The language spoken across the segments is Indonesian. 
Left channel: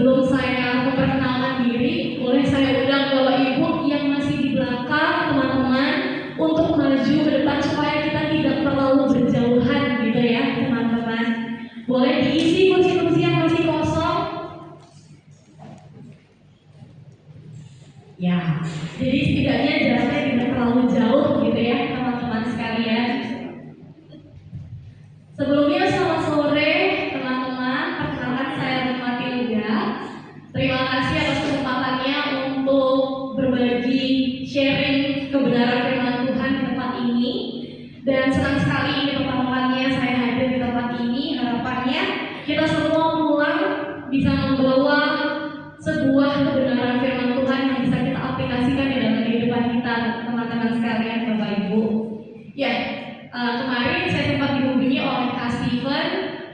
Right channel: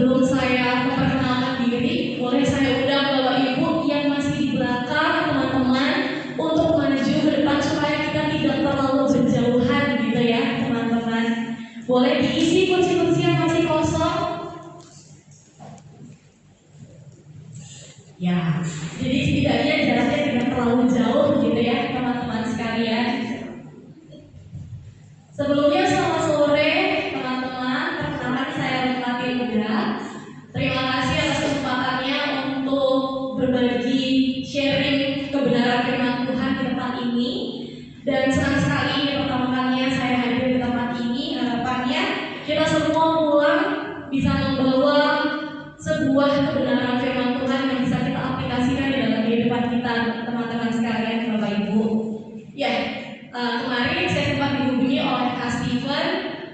sebelum saya memperkenalkan diri, boleh saya undang Bapak Ibu yang masih di belakang teman-teman untuk maju ke depan supaya kita tidak terlalu berjauhan gitu ya teman-teman. Boleh diisi kursi-kursi yang masih kosong. Ya, jadi setidaknya jaraknya tidak terlalu jauh gitu ya teman-teman sekalian. Sebelumnya selamat sore teman-teman, perkenalkan saya Rima Tilda. Terima kasih atas kesempatannya untuk berbagi sharing kebenaran firman Tuhan di tempat ini. Dan senang sekali ini pertama kalinya saya hadir di tempat ini. Harapannya kita semua pulang bisa membawa sebuah kebenaran firman Tuhan yang bisa kita aplikasikan di dalam kehidupan kita, teman-teman sekalian, Bapak Ibu. Ya, kemarin saya sempat dihubungi oleh Kak Steven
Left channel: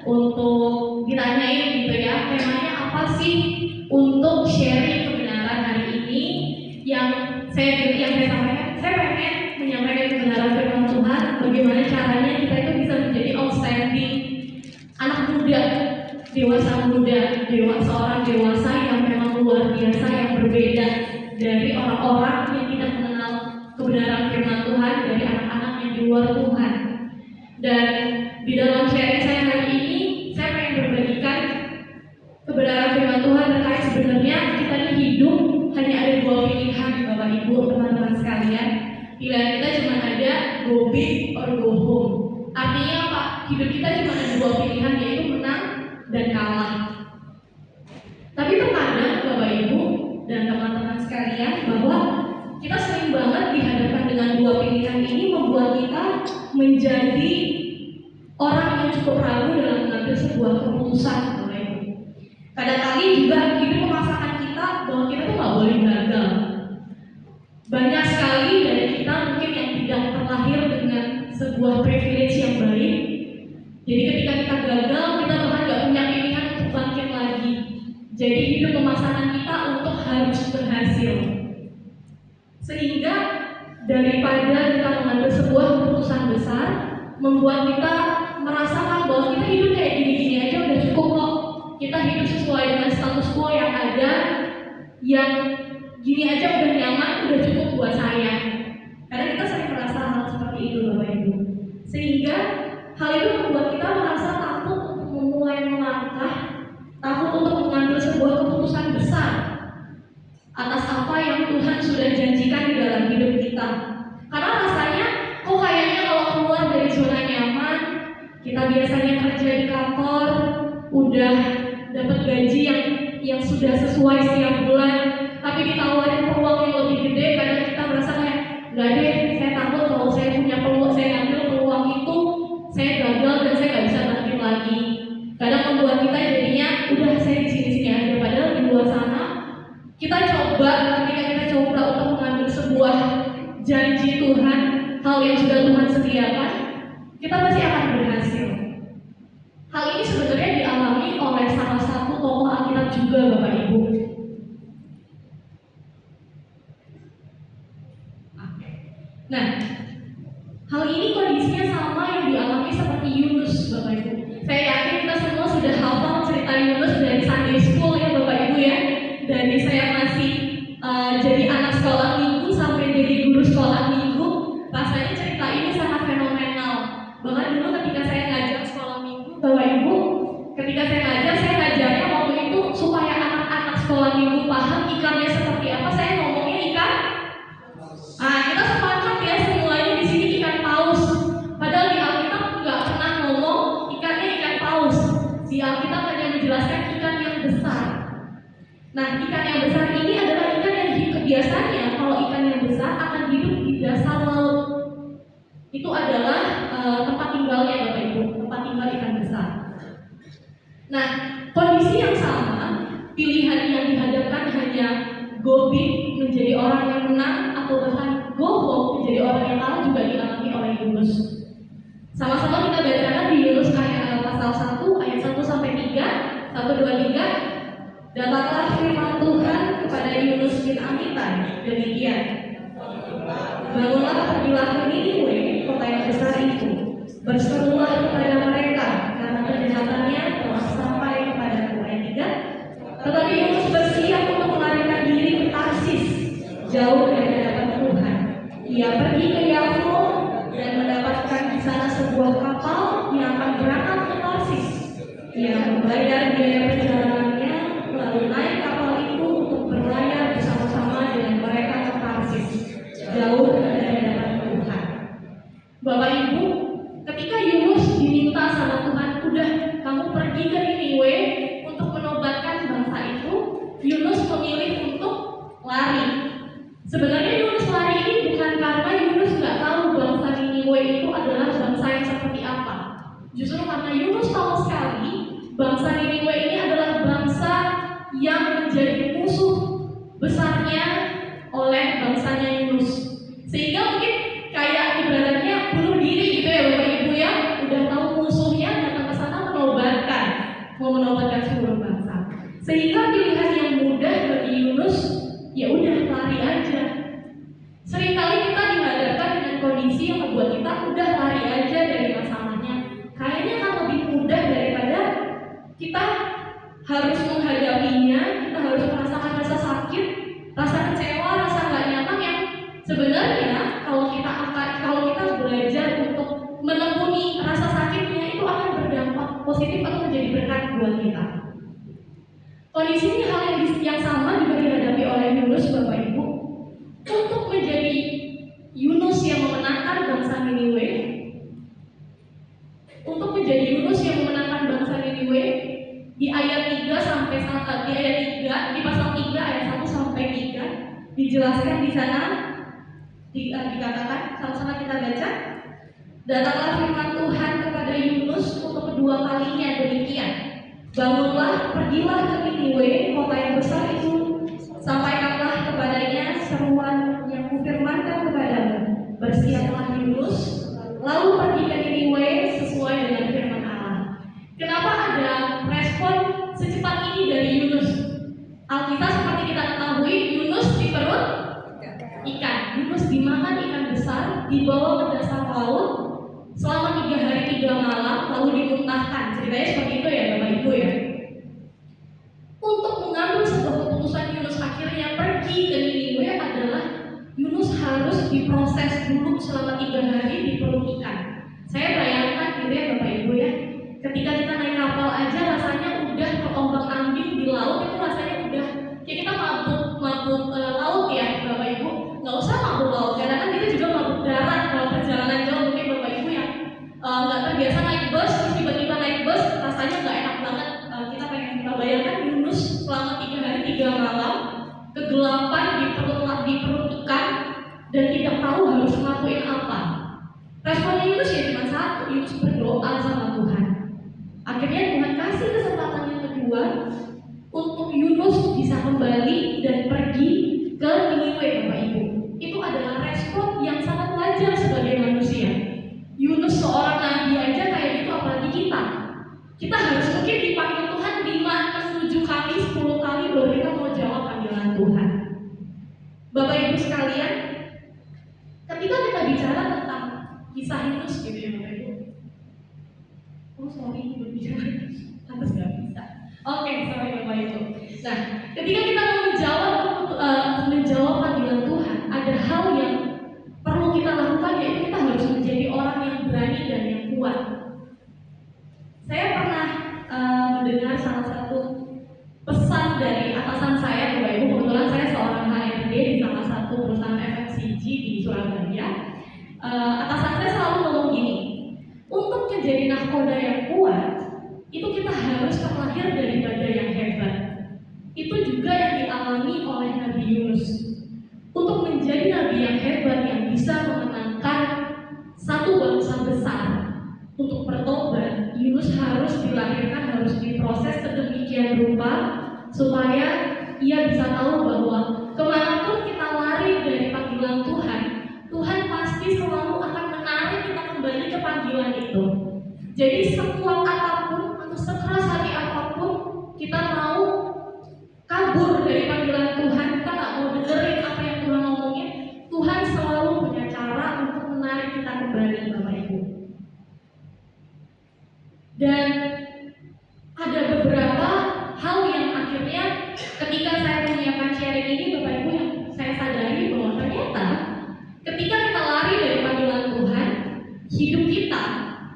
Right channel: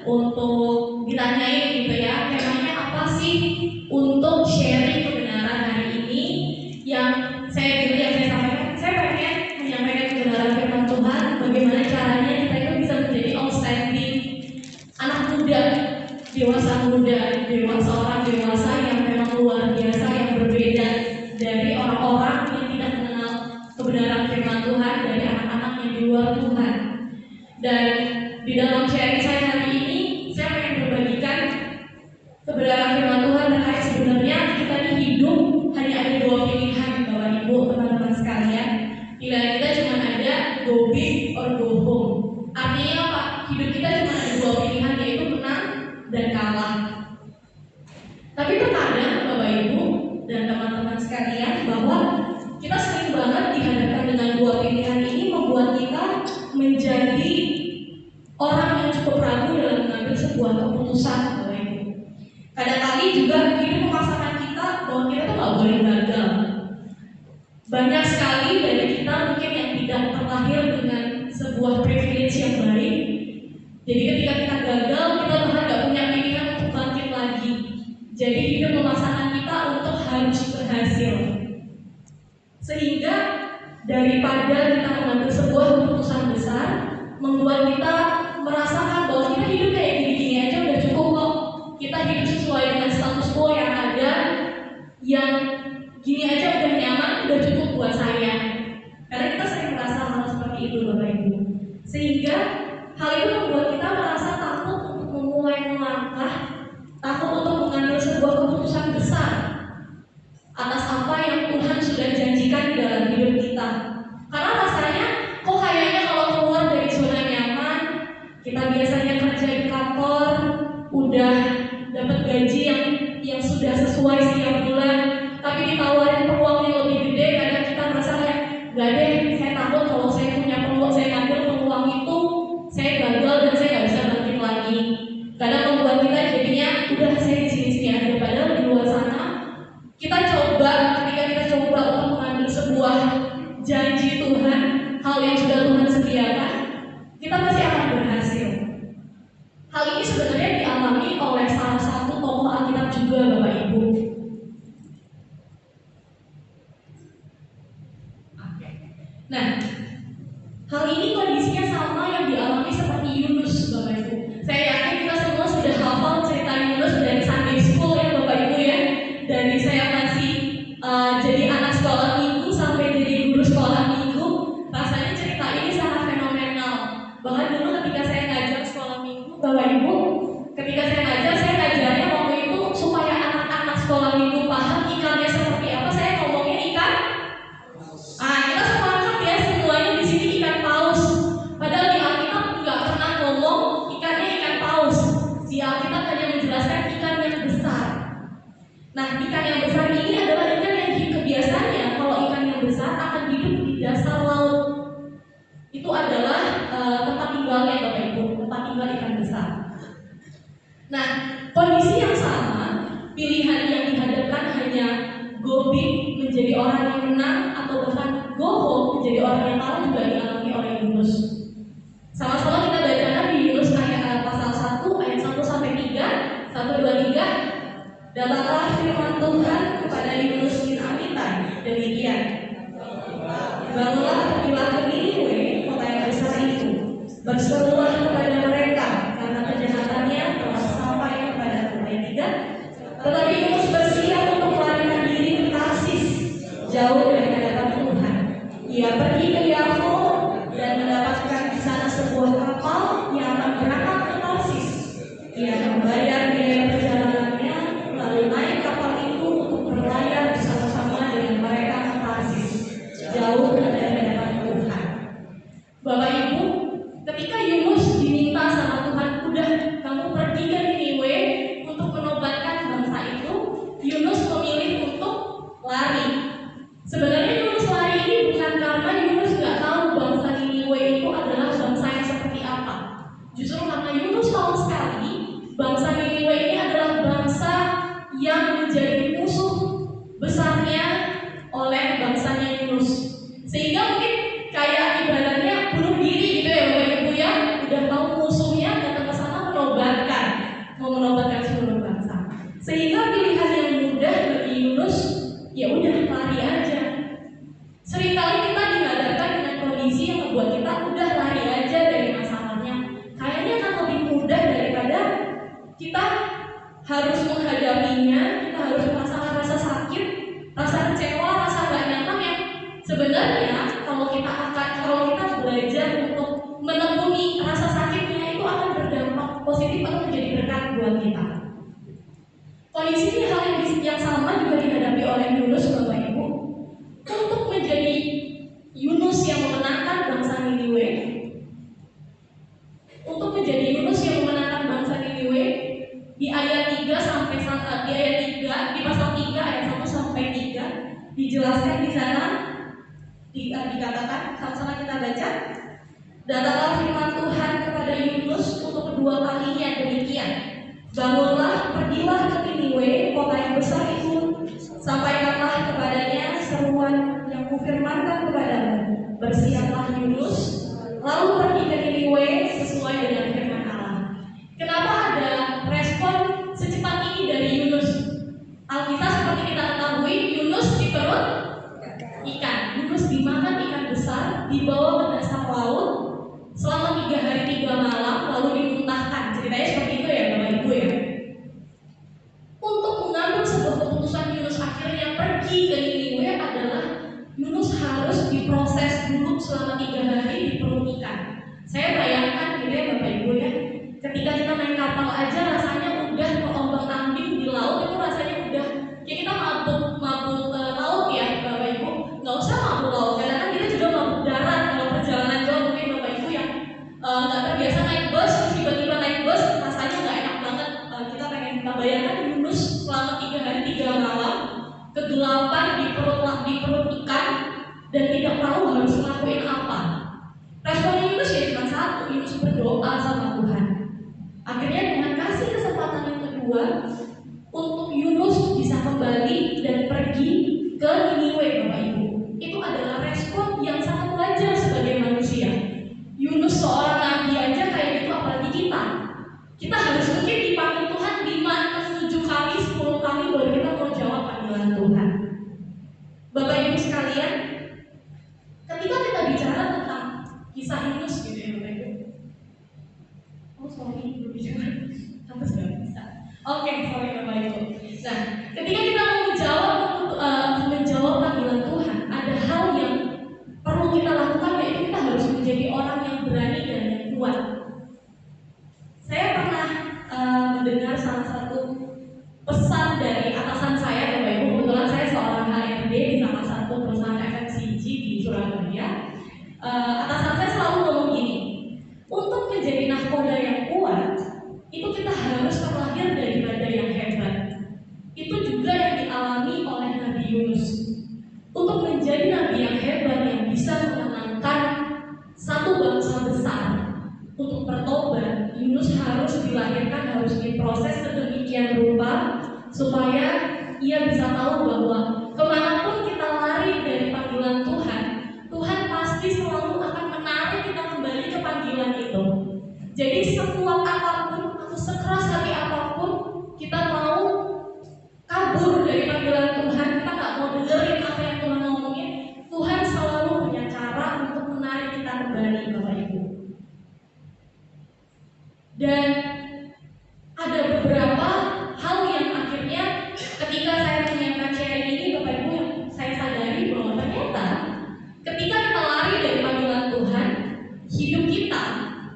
untuk ditanyain gitu ya, temanya apa sih untuk sharing kebenaran hari ini. Yang saya sampaikan, saya pengen menyampaikan kebenaran firman Tuhan. Bagaimana caranya kita itu bisa menjadi outstanding anak muda, dewasa muda, seorang dewasa yang memang luar biasa, yang berbeda dari orang-orang yang tidak mengenal kebenaran firman Tuhan, dari anak-anak yang di luar Tuhan. Dan di dalam sharing saya hari ini, saya pengen berbagikan kebenaran firman Tuhan terkait sebenarnya kita ini hidup hanya ada dua pilihan, Bapak Ibu, teman-teman sekalian. Pilihan kita cuma ada go big or go home. Artinya apa? Hidup kita cuma ada dua pilihan, yaitu menang dan kalah. Tapi terkadang Bapak Ibu dan teman-teman sekalian, bahwa kita sering banget dihadapkan dengan dua pilihan ini membuat kita menjadi orang yang cukup ragu dalam mengambil sebuah keputusan, Bapak Ibu. Kadang-kali juga hidup memaksakan kita bahwa kita tuh nggak boleh gagal. Banyak sekali dari kita mungkin yang tidak terlahir dengan sebuah privilege yang baik. Jadi ketika kita gagal, kita bahkan nggak punya pilihan untuk bangkit lagi. Jadi hidup memaksakan kita untuk harus berhasil. Sehingga daripada kita mengambil sebuah keputusan besar, membuat kita merasakan bahwa kita hidup kayak gini-gini aja udah cukup kok. Kita hidup sesuai dengan status quo yang ada, yang gini aja udah nyaman, udah cukup buat saya. Karena kita sering merasa hal seperti itu, Bapak Ibu. Sehingga hal itu membuat kita merasa takut untuk memulai melangkah, takut untuk mengambil sebuah keputusan besar atas apa yang Tuhan sudah janjikan di dalam hidup kita. Karena rasanya kok kayaknya kalau keluar dari zona nyaman, kita biasanya kerja di kantor, udah dapat gaji yang sudah sesuai setiap bulan, tapi ditawarin peluang yang lebih gede, kadang kita merasa kayak nggak deh, saya takut kalau saya punya peluang, saya ngambil peluang itu, saya gagal dan saya nggak bisa bangkit lagi. Kadang membuat kita jadinya udah saya di sini aja, padahal di luar sana kita coba, ketika kita coba untuk mengambil sebuah janji Tuhan, hal yang sudah Tuhan sediakan, kita pasti akan berhasil. Hal ini sebenarnya dialami oleh salah satu tokoh Alkitab juga, Bapak Ibu. Nah, hal ini kondisinya sama yang dialami seperti Yunus, Bapak Ibu. Saya yakin kita semua sudah hafal cerita Yunus dari Sunday School ya, Bapak Ibu ya. Dari saya masih jadi anak sekolah minggu sampai jadi guru sekolah minggu, rasanya cerita ini sangat fenomenal. Bahkan dulu ketika saya ngajar sekolah minggu, Bapak Ibu, ketika saya ngajarnya waktu itu supaya anak-anak sekolah minggu paham ikannya seperti apa, saya ngomongnya ikan. Kita sepakat ya semuanya di sini ikan paus. Padahal di Alkitab nggak pernah ngomong ikannya ikan paus. Di Alkitab hanya menjelaskan ikan yang besar. Nah, ikan yang besar ini adalah ikan yang kebiasaannya kalau ikan yang besar akan hidup di dasar laut. Itu adalah tempat tinggalnya, Bapak Ibu, tempat tinggal ikan besar. Nah, kondisi yang sama, pilihan yang dihadapkan hanya go big menjadi orang yang menang atau bahkan go home menjadi orang yang kalah juga dialami oleh Yunus. Sama-sama kita bacakan di Yunus pasal 1 ayat 1 sampai 3, 1 2 3. Datanglah firman Tuhan kepada Yunus bin Amitai demikian. Bangunlah, pergilah ke Niniwe, kota yang besar itu. Berserulah kepada mereka karena kejahatannya telah sampai kepada ayat 3. Tetapi membayar biaya perjalanannya, lalu naik kapal itu untuk berlayar bersama-sama dengan mereka ke Tarsis, jauh dari hadapan Tuhan. Bapak Ibu, ketika Yunus diminta sama Tuhan, udah kamu pergi ke Niniwe untuk menobatkan bangsa itu, Yunus memilih untuk lari. Sebenarnya Yunus lari ini bukan karena Yunus nggak tahu bangsa Niniwe itu adalah bangsa yang seperti apa. Justru karena Yunus tahu sekali bangsa Niniwe ini adalah bangsa yang menjadi musuh besarnya oleh bangsanya Yunus. Sehingga mungkin kayak ibaratnya bunuh diri gitu ya Bapak Ibu ya, udah tahu musuhnya datang ke sana mau menobatkan seluruh bangsa. Sehingga pilihan yang mudah bagi Yunus, ya udah lari aja. Seringkali kita dihadapkan dengan kondisi yang membuat kita udah lari aja dari masalahnya. Kayaknya kan lebih mudah daripada kita harus menghadapinya, kita harus merasakan rasa sakit, rasa kecewa, rasa nggak nyaman yang sebenarnya kalau kita belajar untuk menekuni rasa sakitnya itu akan berdampak positif atau menjadi berkat buat kita. Kondisi ini hal yang sama juga dihadapi oleh Yunus Bapak Ibu. Untuk menjadi Yunus yang memenangkan bangsa Niniwe, di ayat 3 sampai di pasal 3 ayat 1 sampai 3 dijelaskan di sana dikatakan, sama-sama kita baca. Datanglah firman Tuhan kepada Yunus untuk kedua kalinya demikian. Bangunlah, pergilah ke Niniwe, kota yang besar itu, sampaikanlah kepadanya seruan yang kufirmankan kepadamu. Bersiaplah Yunus, lalu pergi ke Niniwe sesuai dengan firman Allah. Kenapa ada respon secepat ini dari Yunus? Alkitab seperti kita ketahui, Yunus di perut ikan. Yunus dimakan ikan besar, dibawa ke dasar laut selama 3 hari 3 malam, lalu dimuntahkan. Ceritanya seperti itu ya Bapak Ibu ya. Untuk mengambil sebuah keputusan Yunus akhirnya pergi ke Niniwe adalah Yunus harus diproses dulu selama 3 hari di perut ikan. Saya bayangkan gitu ya Bapak Ibu ya, ketika kita naik kapal aja rasanya udah terombang ambing di laut, itu rasanya udah kayak kita mabuk laut ya Bapak Ibu. Nggak usah mabuk laut, karena kan kita juga mabuk darat kalau perjalanan jauh. Mungkin Bapak Ibu yang nggak terbiasa naik bus, terus tiba-tiba naik bus rasanya nggak enak banget. Kita bayangkan Yunus selama 3 hari 3 malam kegelapan di perut ikan dan tidak tahu harus ngelakuin apa. Respon Yunus ya cuma satu, Yunus berdoa sama Tuhan. Akhirnya Tuhan kasih kesempatan yang kedua untuk Yunus bisa kembali dan pergi ke Niniwe Bapak Ibu. Itu adalah respon yang sangat wajar sebagai manusia. Yunus seorang nabi aja kayak gitu, apalagi kita. Kita harus mungkin dipanggil Tuhan 5, 7 kali, 10 kali baru kita mau jawab panggilan Tuhan. Bapak Ibu sekalian, ketika kita bicara tentang kisah Yunus gitu ya Bapak Ibu. Oh sorry, berbicara pantas gak bisa. Oke, sorry Bapak Ibu. Nah, ketika kita mau menjawab panggilan Tuhan, ada hal yang perlu kita lakukan, yaitu kita harus menjadi orang yang berani dan yang kuat. Saya pernah mendengar salah satu pesan dari atasan saya Bapak Ibu. Kebetulan saya seorang HRD di salah satu perusahaan FMCG di Surabaya. Atasan saya selalu ngomong gini, untuk menjadi nahkoda yang kuat, itu kita harus terlahir dari badan yang hebat. Itu juga yang dialami oleh Nabi Yunus. Untuk menjadi nabi yang hebat yang bisa memenangkan satu bangsa besar untuk bertobat, Yunus harus dilahirkan, harus diproses sedemikian rupa supaya ia bisa tahu bahwa kemanapun kita lari dari panggilan Tuhan, Tuhan pasti selalu akan menarik kita kembali ke panggilan itu. Jadi sekuat apapun atau sekeras hati apapun kita mau kabur dari panggilan Tuhan, kita nggak mau dengerin apa yang Tuhan ngomongin, Tuhan selalu punya cara untuk menarik kita kembali Bapak Ibu. Dan ada beberapa hal yang akhirnya ketika saya menyiapkan sharing ini Bapak Ibu, yang saya sadari bahwa ternyata ketika kita lari dari panggilan Tuhan, hidup kita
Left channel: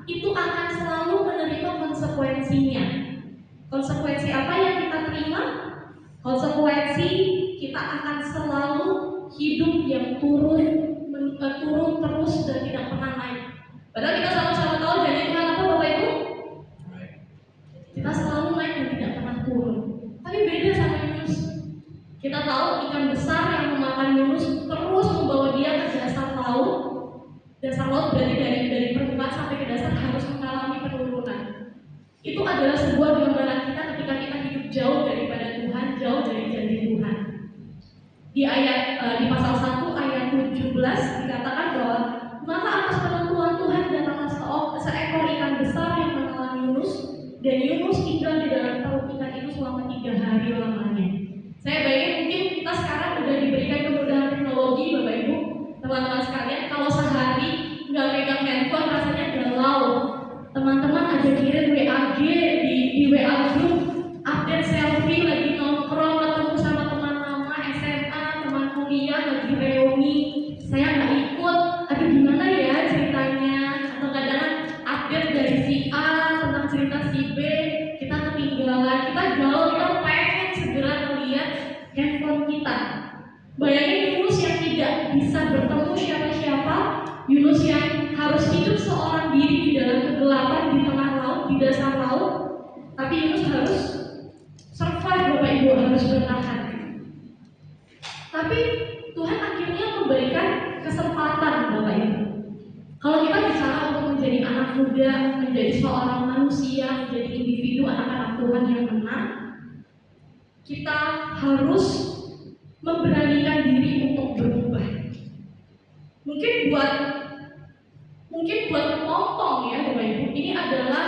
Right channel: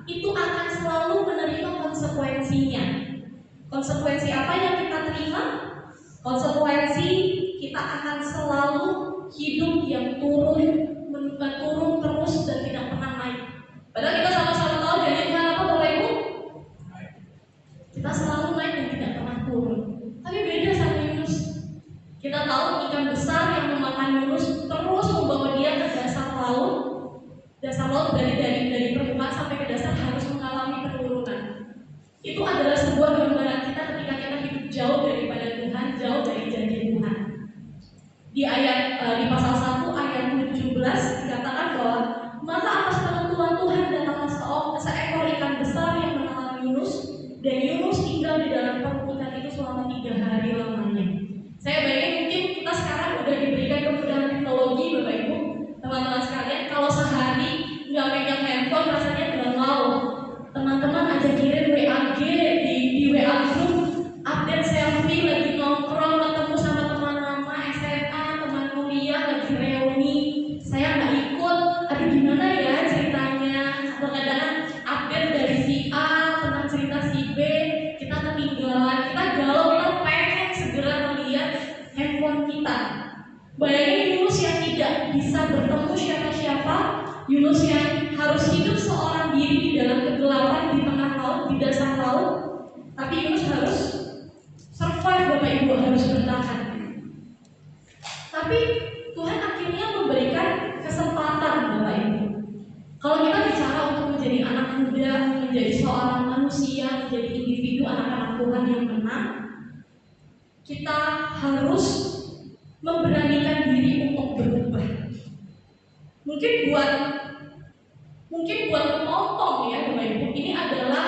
itu akan selalu menerima Konsekuensi apa yang kita terima? Konsekuensi kita akan selalu hidup yang turun terus dan tidak pernah naik. Padahal kita sama-sama tahu janji Tuhan apa Bapak Ibu? Kita selalu naik dan tidak pernah turun. Tapi beda sama Yunus. Kita tahu ikan besar yang memakan Yunus terus membawa dia ke dasar laut. Dasar laut berarti dari permukaan sampai ke dasar harus mengalami penurunan. Itu adalah sebuah gambaran kita ketika kita hidup jauh daripada Tuhan, jauh dari janji Tuhan. Di pasal 1 ayat 17 dikatakan bahwa maka atas penentuan Tuhan datanglah seekor ikan besar yang menelan Yunus, dan Yunus tinggal di dalam perut ikan itu selama 3 hari lamanya. Saya bayangin mungkin kita sekarang udah diberikan kemudahan teknologi Bapak Ibu, teman-teman sekalian, kalau sehari nggak megang handphone rasanya galau. Teman-teman aja kirim WA di WA group, update selfie lagi nongkrong ketemu sama teman lama SMA, teman kuliah lagi reuni. Saya nggak ikut, aduh gimana ya ceritanya? Atau kadang update dari si A tentang cerita si B, kita ketinggalan, kita galau, kita pengen segera melihat handphone kita. Bayangin Yunus yang tidak bisa bertemu siapa-siapa, Yunus yang harus hidup seorang diri di dalam kegelapan di tengah laut, di dasar laut. Tapi Yunus harus survive, Bapak Ibu, harus bertahan. Tapi Tuhan akhirnya memberikan kesempatan Bapak Ibu. Kalau kita bicara untuk menjadi anak muda, menjadi seorang manusia, menjadi individu anak-anak Tuhan yang menang, kita harus memberanikan diri untuk berubah. Mungkin buat kepompong ya Bapak Ibu, ini adalah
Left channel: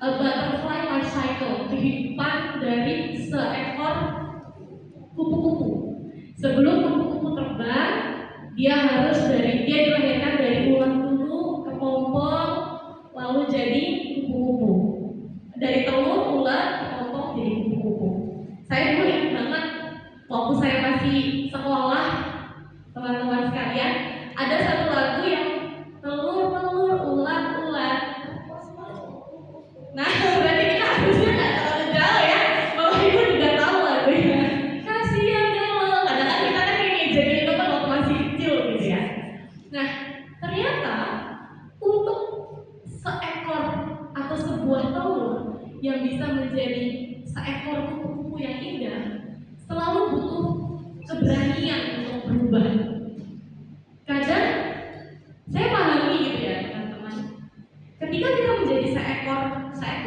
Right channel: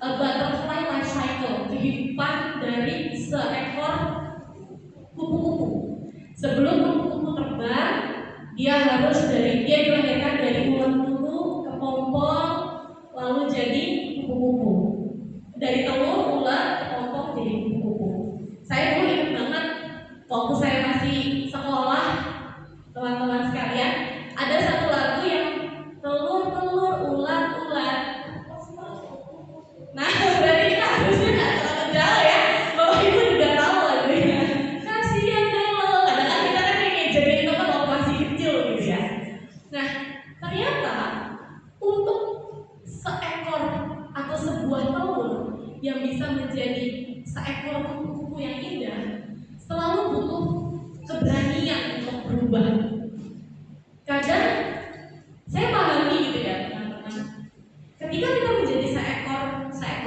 butterfly life cycle, kehidupan dari seekor kupu-kupu. Sebelum kupu-kupu terbang, dia dilahirkan dari ulat dulu, kepompong, lalu jadi kupu-kupu. Dari telur, ulat, kepompong, jadi kupu-kupu. Saya dulu ingat banget waktu saya masih sekolah, teman-teman sekalian, ada satu lagu yang telur, ulat. Nah, berarti kita harusnya nggak terlalu jauh ya. Bapak Ibu juga tahu lagunya. Kasihan dong. Kadang-kadang kita kan ini jadi teman waktu masih kecil gitu ya. Nah, ternyata untuk seekor atau sebuah telur yang bisa menjadi seekor kupu-kupu yang indah, selalu butuh keberanian untuk berubah. Kadang saya pahami gitu ya teman-teman, ketika kita menjadi seekor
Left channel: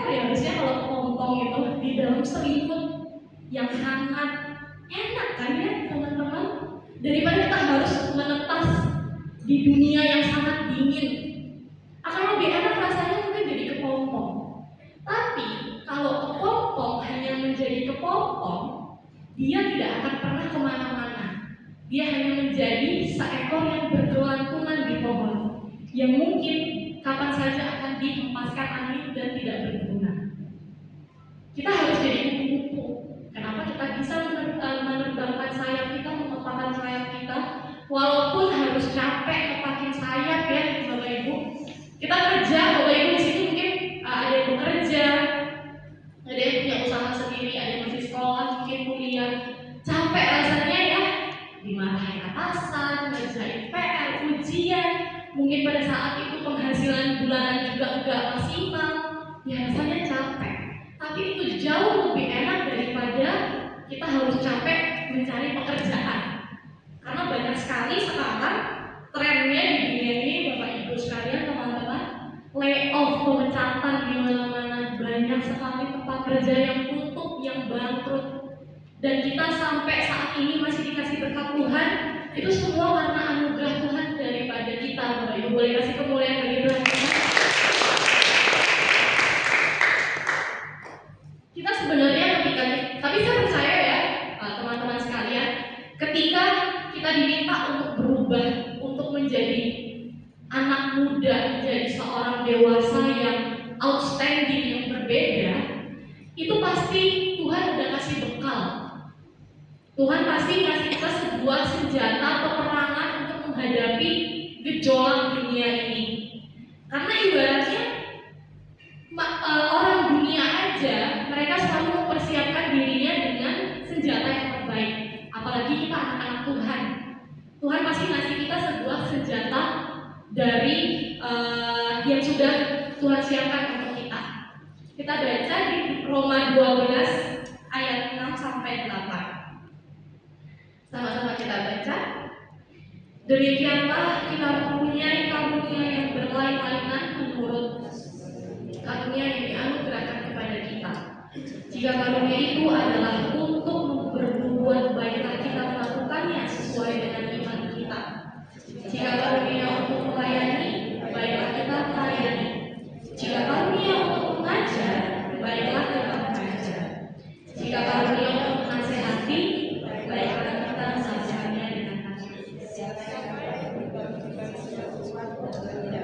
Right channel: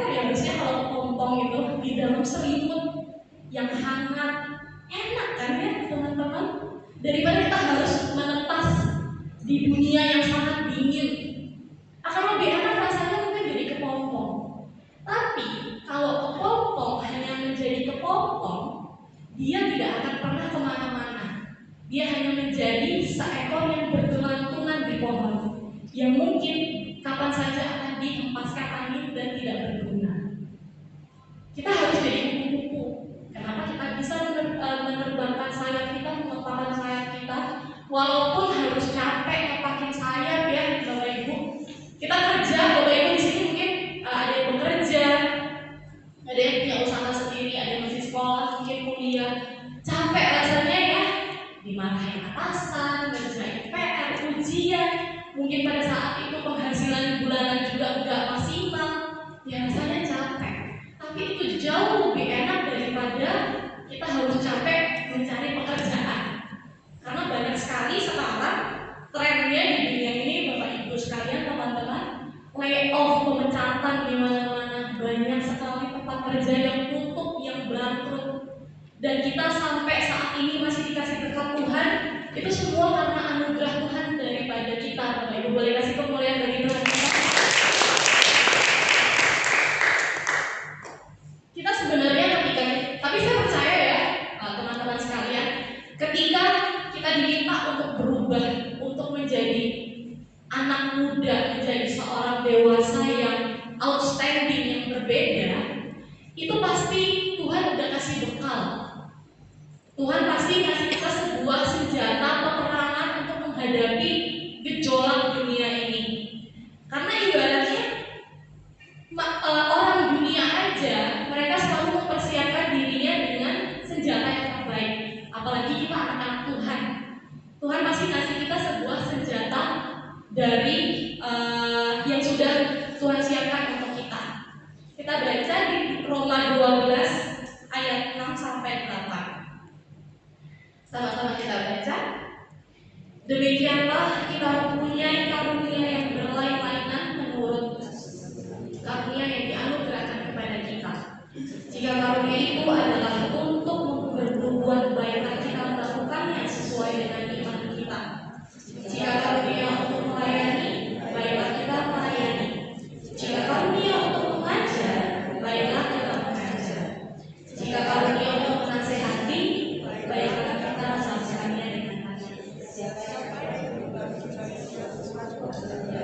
ya, harusnya kalau kepompong itu di dalam selimut yang hangat, enak kan ya teman-teman, daripada kita harus menetas di dunia yang sangat dingin. Akan lebih enak rasanya mungkin jadi kepompong. Tapi kalau kepompong hanya menjadi kepompong, dia tidak akan pernah kemana-mana. Dia hanya menjadi seekor yang bergelantungan di pohon, yang mungkin kapan saja akan dihempaskan angin dan tidak berguna. Kita harus jadi kupu-kupu. Kenapa kita bisa menerbangkan sayap kita, mengepakkan sayap kita, walaupun harus capek ngepakin sayap ya Bapak Ibu. Kita kerja, Bapak Ibu di sini mungkin ada yang bekerja, ada yang punya usaha sendiri, ada yang masih sekolah, mungkin kuliah. Capek rasanya ya, dimarahin atasan, ngerjain PR, ujian, mungkin pada saat itu penghasilan bulanan juga enggak maksimal, ya rasanya capek. Tapi itu jauh lebih enak daripada kita harus capek mencari pekerjaan. Karena banyak sekali sekarang trennya di dunia ini Bapak Ibu sekalian, teman-teman, layoff, pemecatan di mana-mana, banyak sekali tempat kerja yang tutup, yang bangkrut. Dan kita sampai saat ini masih dikasih berkat Tuhan, itu semua karena anugerah Tuhan daripada kita. Bapak Ibu boleh kasih kemuliaan bagi Tuhan kita. Kita sebenarnya tapi saya percaya ya teman-teman sekalian, ketika kita diminta untuk berubah, untuk menjadi anak muda, menjadi seorang dewasa yang outstanding, yang berbeda, itu pasti Tuhan udah kasih bekal. Tuhan pasti kasih kita sebuah senjata peperangan untuk menghadapi gejolak dunia ini. Karena ibaratnya orang dunia aja, mereka selalu ayat 6 sampai 8. Sama-sama kita baca. Demikianlah kita mempunyai karunia yang berlain-lainan menurut karunia yang dianugerahkan kepada kita. Jika karunia itu adalah untuk berbuat baiklah kita melakukannya sesuai dengan iman kita. Jika karunia untuk melayani, baiklah kita melayani. Jika karunia untuk mengajar, baiklah kita mengajar. Jika karunia untuk menasehati, baiklah kita menasehatinya dengan hati.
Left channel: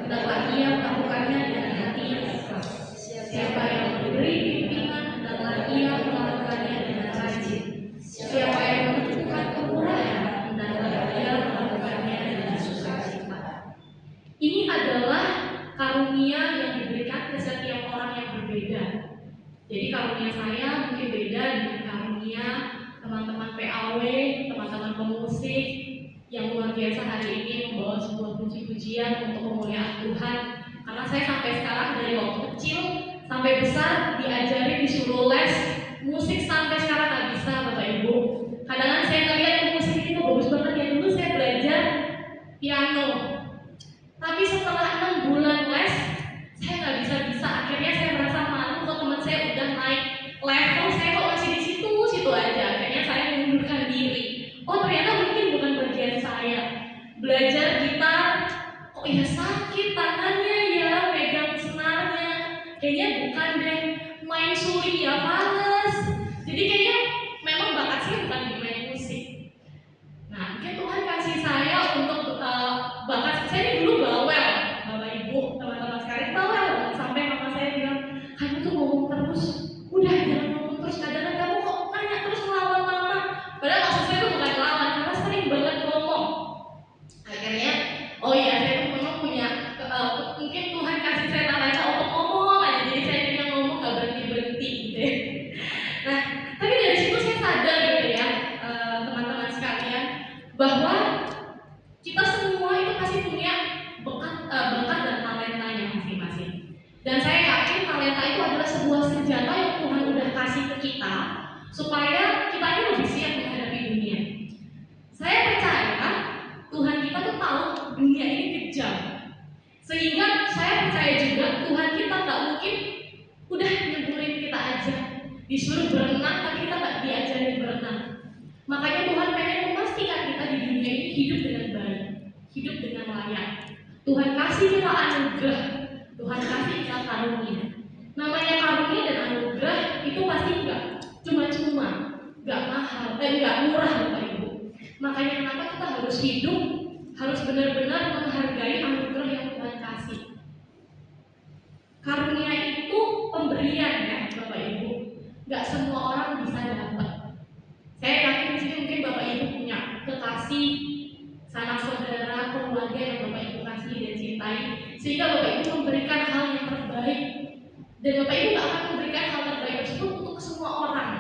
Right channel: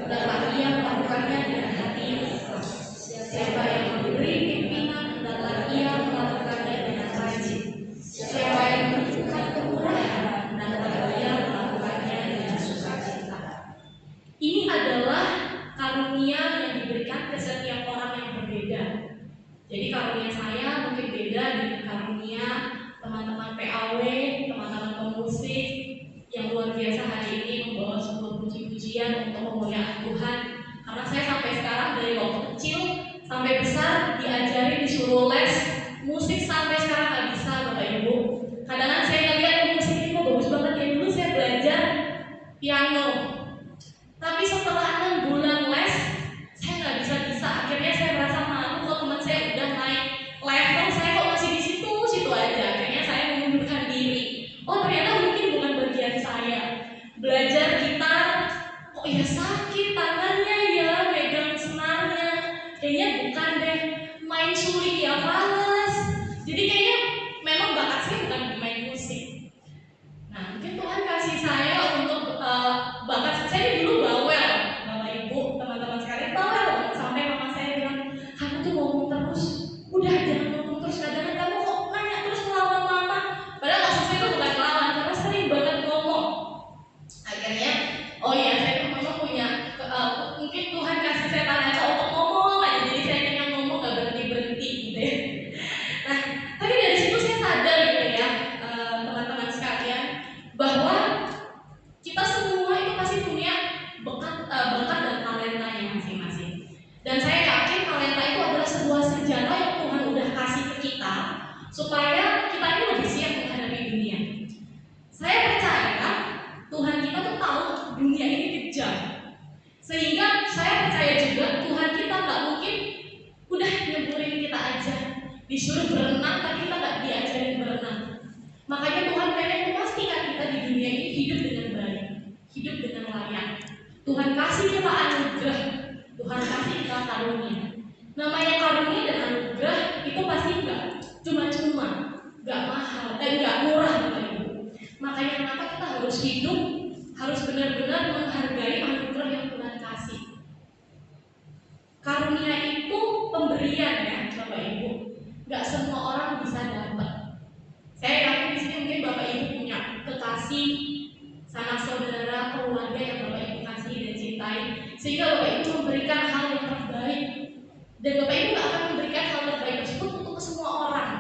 Hendaklah ia melakukannya dengan hati yang ikhlas. Siapa yang memberi pimpinan, hendaklah ia melakukannya dengan rajin. Siapa yang menunjukkan kemurahan, hendaklah ia melakukannya dengan sukacita. Ini adalah karunia yang diberikan ke setiap orang yang berbeda. Jadi karunia saya mungkin beda dengan karunia teman-teman PAW, teman-teman pemusik yang luar biasa hari ini membawa sebuah puji-pujian untuk memuliakan Tuhan. Karena saya sampai sekarang dari waktu kecil sampai besar diajari disuruh les musik sampai sekarang nggak bisa, Bapak Ibu. Kadang-kadang saya ngeliat musik itu bagus banget ya, dulu saya belajar piano. Tapi setelah 6 bulan les, saya nggak bisa. Akhirnya saya merasa malu kalau teman saya udah naik level, saya kok masih di situ aja. Akhirnya saya mengundurkan diri. Oh ternyata mungkin bukan bagian saya. Belajar gitar, kok ya sakit tangannya ya, megang senarnya. Kayaknya bukan deh. Main suling ya males. Jadi kayaknya memang bakat saya bukan di main musik. Nah, mungkin Tuhan kasih saya untuk bakat saya ini dulu bawel, Bapak Ibu, teman-teman sekalian bawel banget sampai mama saya bilang, kamu tuh ngomong terus, udah jangan ngomong terus, kadang-kadang kamu kok nanya terus ngelawan mama. Padahal maksud saya tuh bukan ngelawan, karena sering banget ngomong. Akhirnya, oh iya saya tuh memang punya, mungkin Tuhan kasih saya talenta untuk ngomong aja, jadi saya kayaknya ngomong gak berhenti-berhenti gitu ya. Nah, tapi dari situ saya sadar gitu ya, teman-teman sekalian, bahwa kita semua itu pasti punya bakat dan talentanya masing-masing. Dan saya yakin talenta itu adalah sebuah senjata yang Tuhan udah kasih ke kita supaya kita ini lebih siap menghadapi dunia. Saya percaya Tuhan kita tuh tahu dunia ini kejam, sehingga saya percaya juga Tuhan kita nggak mungkin udah nyemburin kita aja disuruh berenang tapi kita nggak diajarin berenang. Makanya Tuhan pengen memastikan kita di dunia ini hidup dengan baik, hidup dengan layak. Tuhan kasih kita anugerah, Tuhan kasih kita karunia. Namanya karunia dan anugerah itu pasti enggak cuma-cuma, enggak mahal, enggak murah Bapak Ibu. Makanya kenapa kita harus hidup, harus benar-benar menghargai anugerah yang Tuhan kasih. Karunia itu pemberian ya Bapak Ibu, enggak semua orang bisa dapat. Saya yakin di sini mungkin Bapak Ibu punya kekasih, sanak saudara, keluarga yang Bapak Ibu kasih dan cintai, sehingga Bapak Ibu memberikan hal yang terbaik. Dan Bapak Ibu gak akan memberikan hal terbaik tersebut untuk semua orang.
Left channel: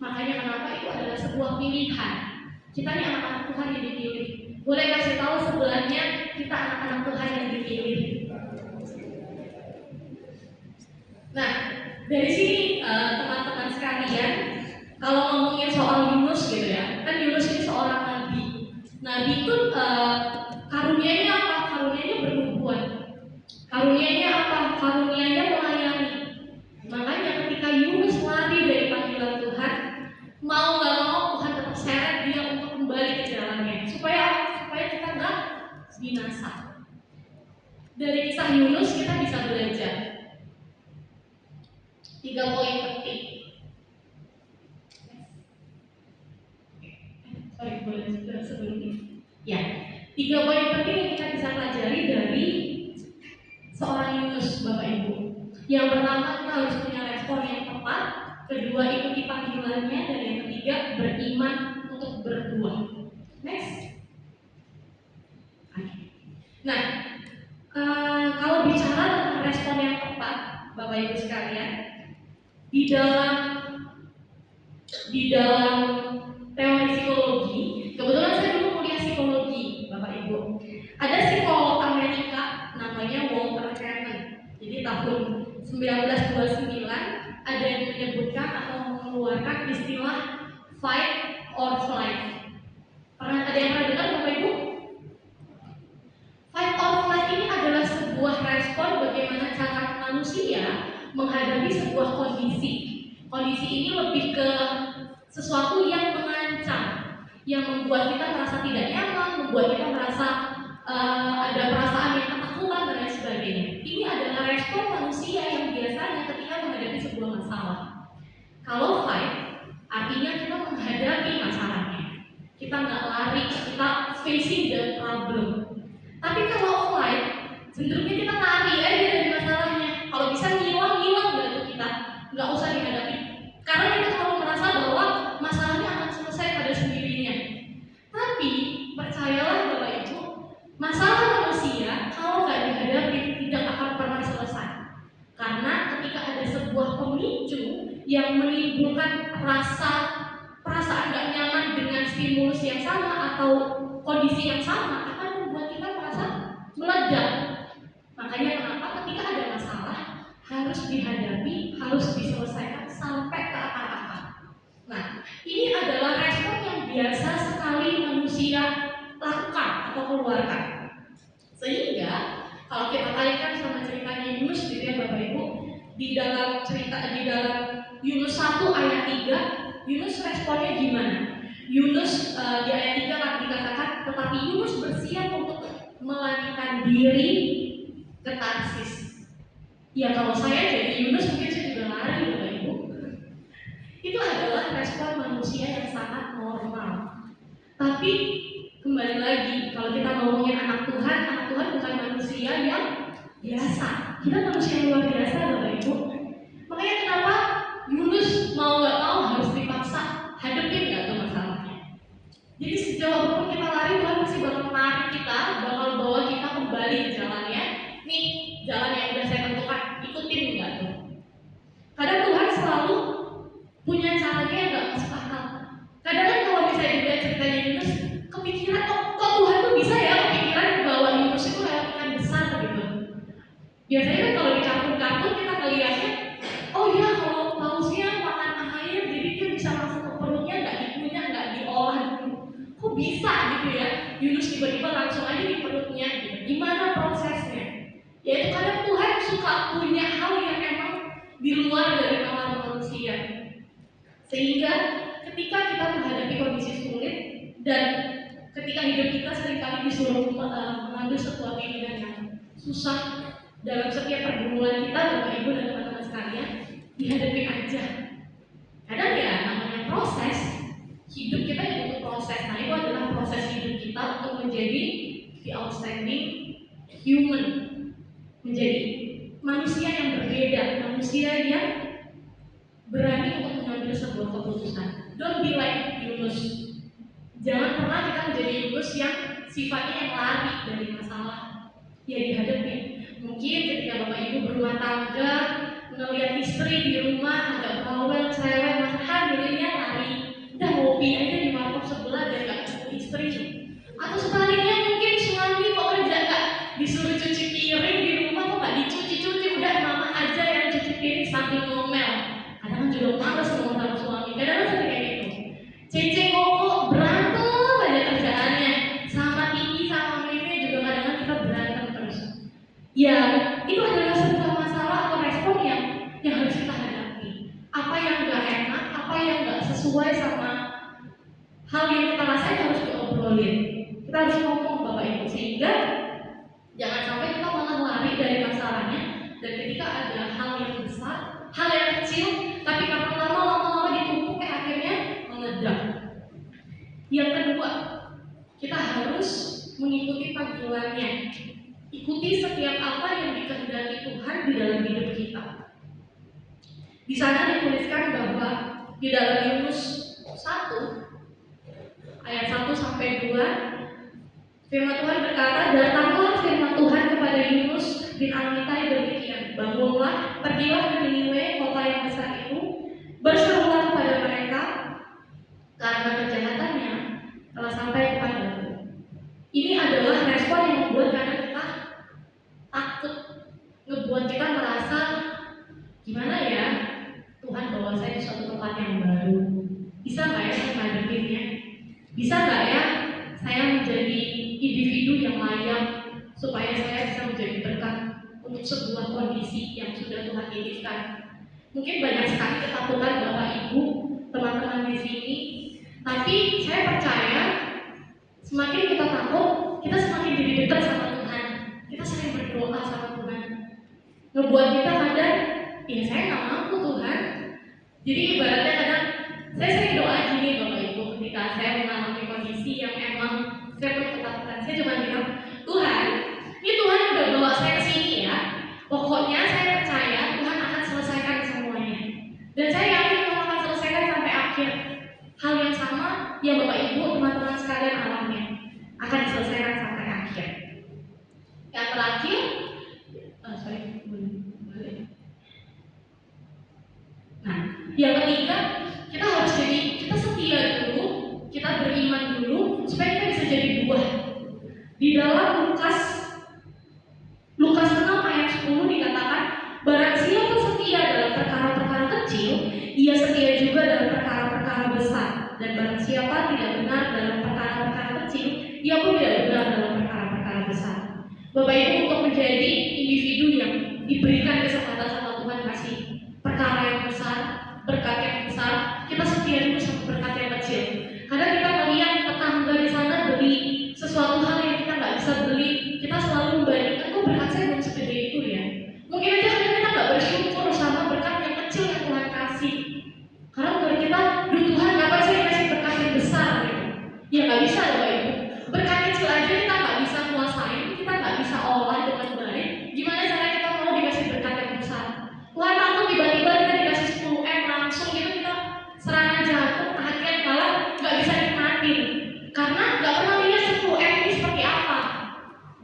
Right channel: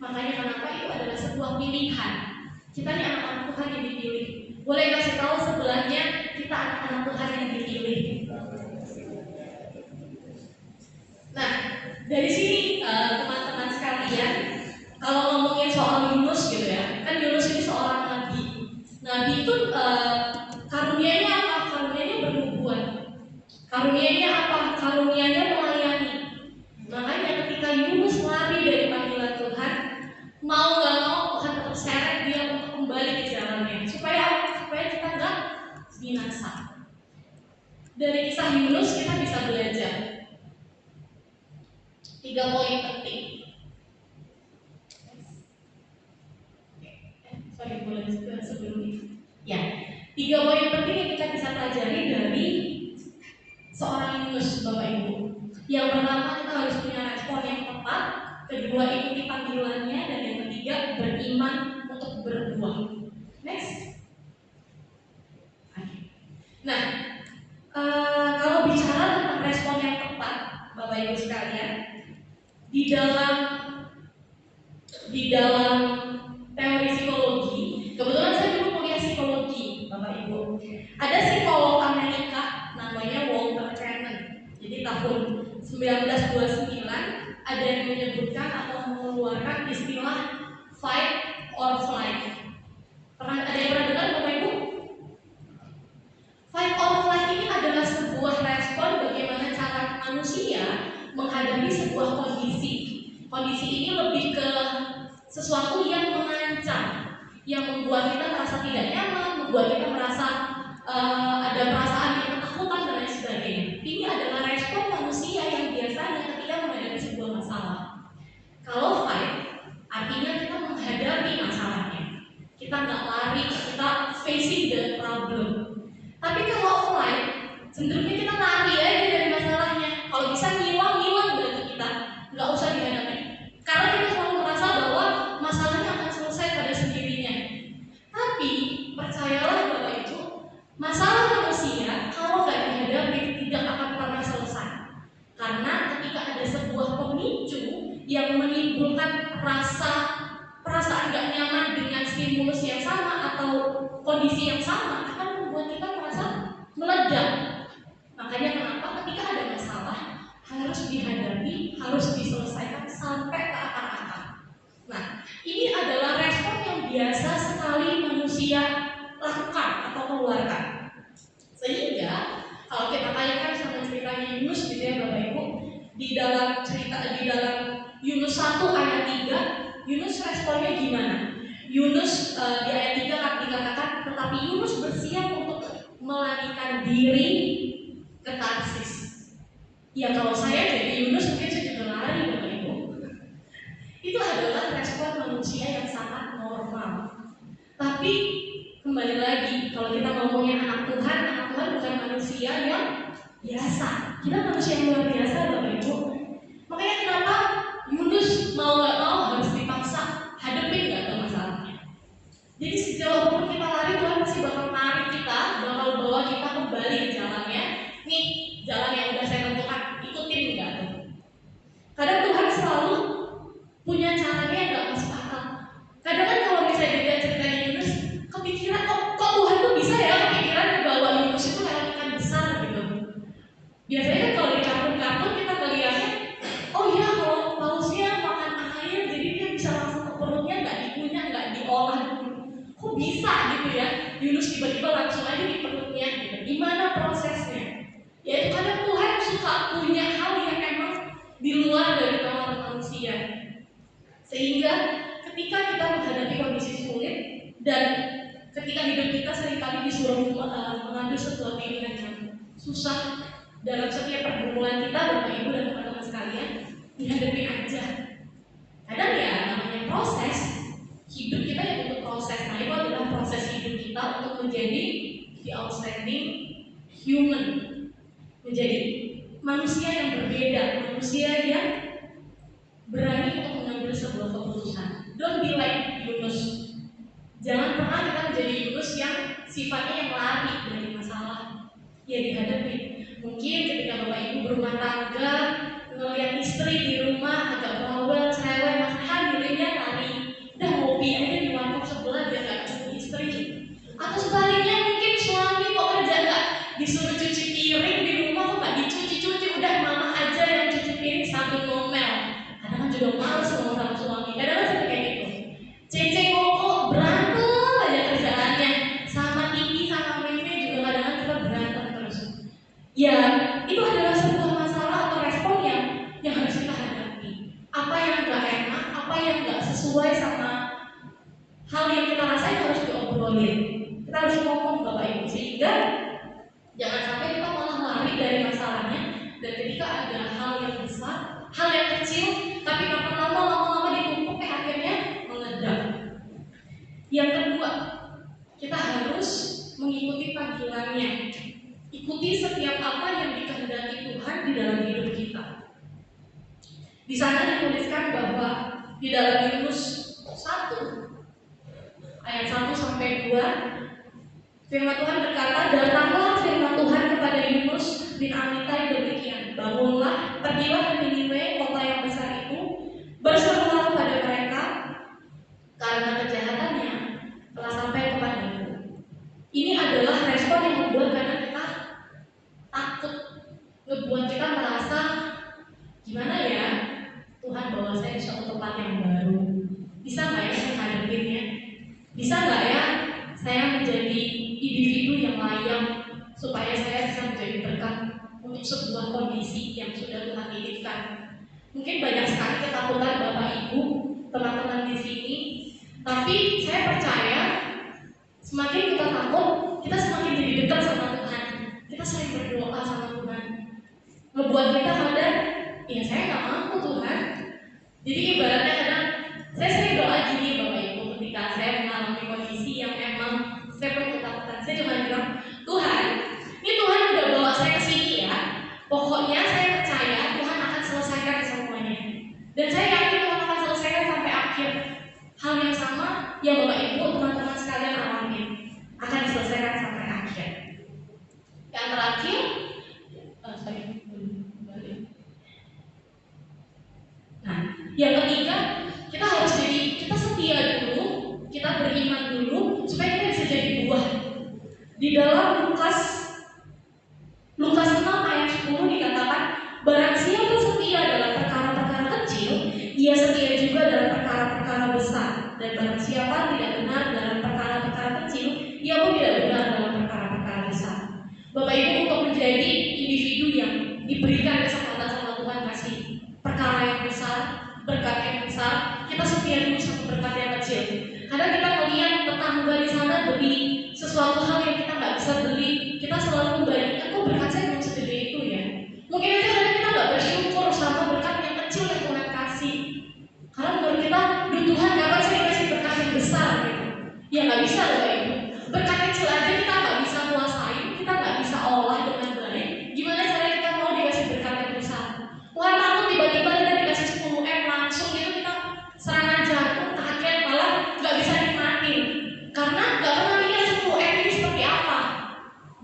Makanya kenapa itu adalah sebuah pilihan. Kita ini anak-anak Tuhan yang dipilih. Boleh kasih tahu sebelahnya kita anak-anak Tuhan yang dipilih. Nah, dari sini teman-teman sekalian, kalau ngomongin soal Yunus gitu ya, kan Yunus ini seorang nabi. Nabi itu karunianya apa? Karunianya bernubuat. Karunianya apa? Karunianya melayani. Makanya ketika Yunus lari dari panggilan Tuhan, mau gak mau Tuhan tetap seret dia untuk kembali ke jalannya, supaya kita nggak binasa. Dari kisah Yunus kita bisa belajar 3 poin penting. Boleh sebelum ini. Ya, 3 poin penting yang kita bisa pelajari dari seorang Yunus, Bapak Ibu. Yang pertama, kita harus punya respon yang tepat. Kedua, ikuti panggilannya. Dan yang ketiga, beriman untuk berbuah. Next. Nah, kalau bicara tentang respon yang tepat, Bapak Ibu sekalian, di dalam teori psikologi, kebetulan saya dulu kuliah psikologi, Bapak Ibu. Ada psikolog Amerika namanya Walter Cannon. Jadi tahun 1929 ada yang menyebutkan atau mengeluarkan sesuatu yang mengancam, yang membuat kita merasa tidak nyaman, membuat kita merasa ada perasaan yang ketakutan dan lain sebagainya. Ini adalah respon manusia yang biasanya ketika menghadapi sebuah masalah. Kalau fight, artinya kita menghadapi masalahnya. Kita nggak lari, kita facing the problem. Tapi kalau flight, cenderungnya kita lari aja dari masalahnya. Kalau bisa ngilang berarti kita nggak usah dihadapi. Karena kita selalu merasa bahwa masalahnya akan selesai pada sendirinya. Tapi percayalah Bapak Ibu, masalah manusia kalau nggak dihadapi tidak akan pernah selesai. Karena ketika ada sebuah pemicu yang menimbulkan perasaan nggak nyaman dengan stimulus yang sama atau kondisi yang sama akan membuat kita merasa meledak. Makanya kenapa ketika ada masalah harus dihadapi, harus diselesaikan sampai ke akar-akar. Nah, ini adalah respon yang biasa sekali manusia lakukan atau keluarkan. Sehingga kalau kita kaitkan sama ceritanya Yunus gitu ya Bapak Ibu, di dalam Yunus 1 ayat 3, Yunus responnya gimana? Yunus di ayat 3 kan dikatakan, tetapi Yunus bersiap untuk melarikan diri ke Tarsis. Ya kalau saya jadi Yunus mungkin saya juga lari Bapak Ibu. Itu adalah respon manusia yang sangat normal. Tapi kembali lagi, kalau kita ngomongin anak Tuhan bukan manusia yang biasa. Kita manusia yang luar biasa Bapak Ibu. Makanya kenapa Yunus mau gak mau harus dipaksa hadapin gak tuh masalahnya. Jadi sejauh pun kita lari, Tuhan pasti bakal menarik kita, bakal bawa kita kembali ke jalannya. Nih, jalan yang udah saya tentukan, ikutin gak tuh. Kadang Tuhan selalu punya caranya yang gak masuk akal. Kadang kan kalau misalnya dilihat ceritanya Yunus, kepikiran kok Tuhan tuh bisa ya kepikiran bahwa Yunus itu lewat ikan besar gitu. Biasanya kan kalau di kampung-kampung kita ngeliatnya, oh ya kalau pausnya makan air jadi dia bisa langsung ke perutnya, nggak dikunyah, nggak diolah dulu. Kok bisa gitu ya? Yunus tiba-tiba langsung aja di perutnya gitu. Gimana prosesnya? Yaitu kadang Tuhan suka punya hal yang emang di luar dari nalar manusia. Sehingga ketika kita menghadapi kondisi sulit dan ketika hidup kita seringkali disuruh mengambil sebuah pilihan yang susah dalam setiap pergumulan kita, Bapak Ibu dan teman-teman sekalian, dihadapi aja. Kadang ya namanya proses hidup kita yang butuh proses. Nah itu adalah proses hidup kita untuk menjadi the outstanding human, menjadi manusia yang berbeda, manusia yang berani untuk mengambil sebuah keputusan. Don't be like Yunus. Jangan pernah kita menjadi Yunus yang sifatnya yang lari dari masalah. Ya dihadapi. Mungkin ketika Bapak Ibu berumah tangga, ngelihat istri di rumah agak bawel, cerewet, dirinya lari, udah ngopi aja di warung sebelah biar gak ketemu istri. Atau sebaliknya mungkin suami kok kerja gak disuruh cuci piring di rumah kok gak dicuci-cuci, udah mama aja yang cuci piring sambil ngomel. Kadang juga males ngomong sama suami, kadang seperti kayak gitu. Cece kok berantem aja kerjaannya, sama Titi sama Meme juga kadang kita berantem terus. Ya itu adalah sebuah masalah atau respon yang harus kita hadapi. Apa yang gak enak, apa yang gak sesuai sama hal yang kita rasain harus diobrolin. Kita harus ngomong Bapak Ibu, sehingga jangan sampai kita malah lari dari masalahnya. Dan ketika ada hal yang besar, hal yang kecil, tapi lama-lama ditumpuk akhirnya meledak. Yang kedua, kita harus mengikuti panggilannya. Ikuti setiap apa yang dikehendaki Tuhan di dalam hidup kita. Di sana dituliskan bahwa di dalam Yunus 1 ayat 1 sampai 2, firman Tuhan berkata, datanglah firman Tuhan kepada Yunus bin Amitai demikian, bangunlah, pergilah ke Niniwe, kota yang besar itu, berserulah kepada mereka, karena kejahatannya telah sampai kepadaku. Ini adalah respon yang membuat kadang kita takut, ngebuat kita merasa gimana ya, Tuhan bawa saya ke suatu tempat yang baru, bisa nggak ya saya hadapinnya? Bisa nggak ya saya menjadi individu yang layak supaya saya bisa menjadi berkat untuk sebuah kondisi yang sudah Tuhan titipkan? Mungkin banyak sekali ketakutan Bapak Ibu, teman-teman di sini Tapi saya percaya semakin kita takut, kita semakin jadi dekat sama Tuhan. Kita sering berdoa sama Tuhan, ngebuat kita sadar, ya saya nggak mampu Tuhan. Jadi ibaratnya kadang saya sering doa gini Bapak Ibu, ketika saya mengalami kondisi yang emang saya punya ketakutan, saya cuma bilang, Tuhan, ini Tuhan udah bawa saya ke sini ya. Pokoknya saya percaya Tuhan akan selesaikan semuanya. Dan saya yakin Tuhan akan selesaikan sampai akhir. Hal yang sama yang Bapak Ibu teman-teman sekalian alami akan diselesaikan sampai akhir. Yang terakhir, yang ketiga, kita harus kita setia dulu, kita beriman dulu supaya kita bisa jadi buah. Di dalam Lukas 6 ayat 10 dikatakan, barang siapa setia dalam perkara-perkara kecil, ia setia juga dalam perkara-perkara besar. Dan barang siapa tidak benar dalam perkara-perkara kecil, ia pun tidak benar dalam perkara-perkara besar. Bapak Ibu, untuk menjadi individu yang diberikan kesempatan sama Tuhan kasih perkara yang besar, berkat yang besar, kita setia dulu sama berkat yang kecil. Karena kita melihat tetangga di sana beli sesuatu hal yang kita nggak bisa beli, kita selalu membandingkan, kok berkat saya belum segede itu ya. Mungkin aja karena kita nggak bersyukur sama berkat yang kecil yang Tuhan kasih. Karena menurut kita, Tuhan kapan sih dikasih berkat yang besar gitu? Ya nggak bisa Bapak Ibu. Berkat kecil aja kita nggak bisa kuasain, kita nggak bisa olah dengan baik. Gimana caranya kita mau dikasih berkat yang besar? Tuhan takut tiba-tiba kita dikasih 10M langsung gitu, kita serangan jantung, kaget, malah nggak bisa nikmatin karena nggak pernah lihat 10M ini seperti apa.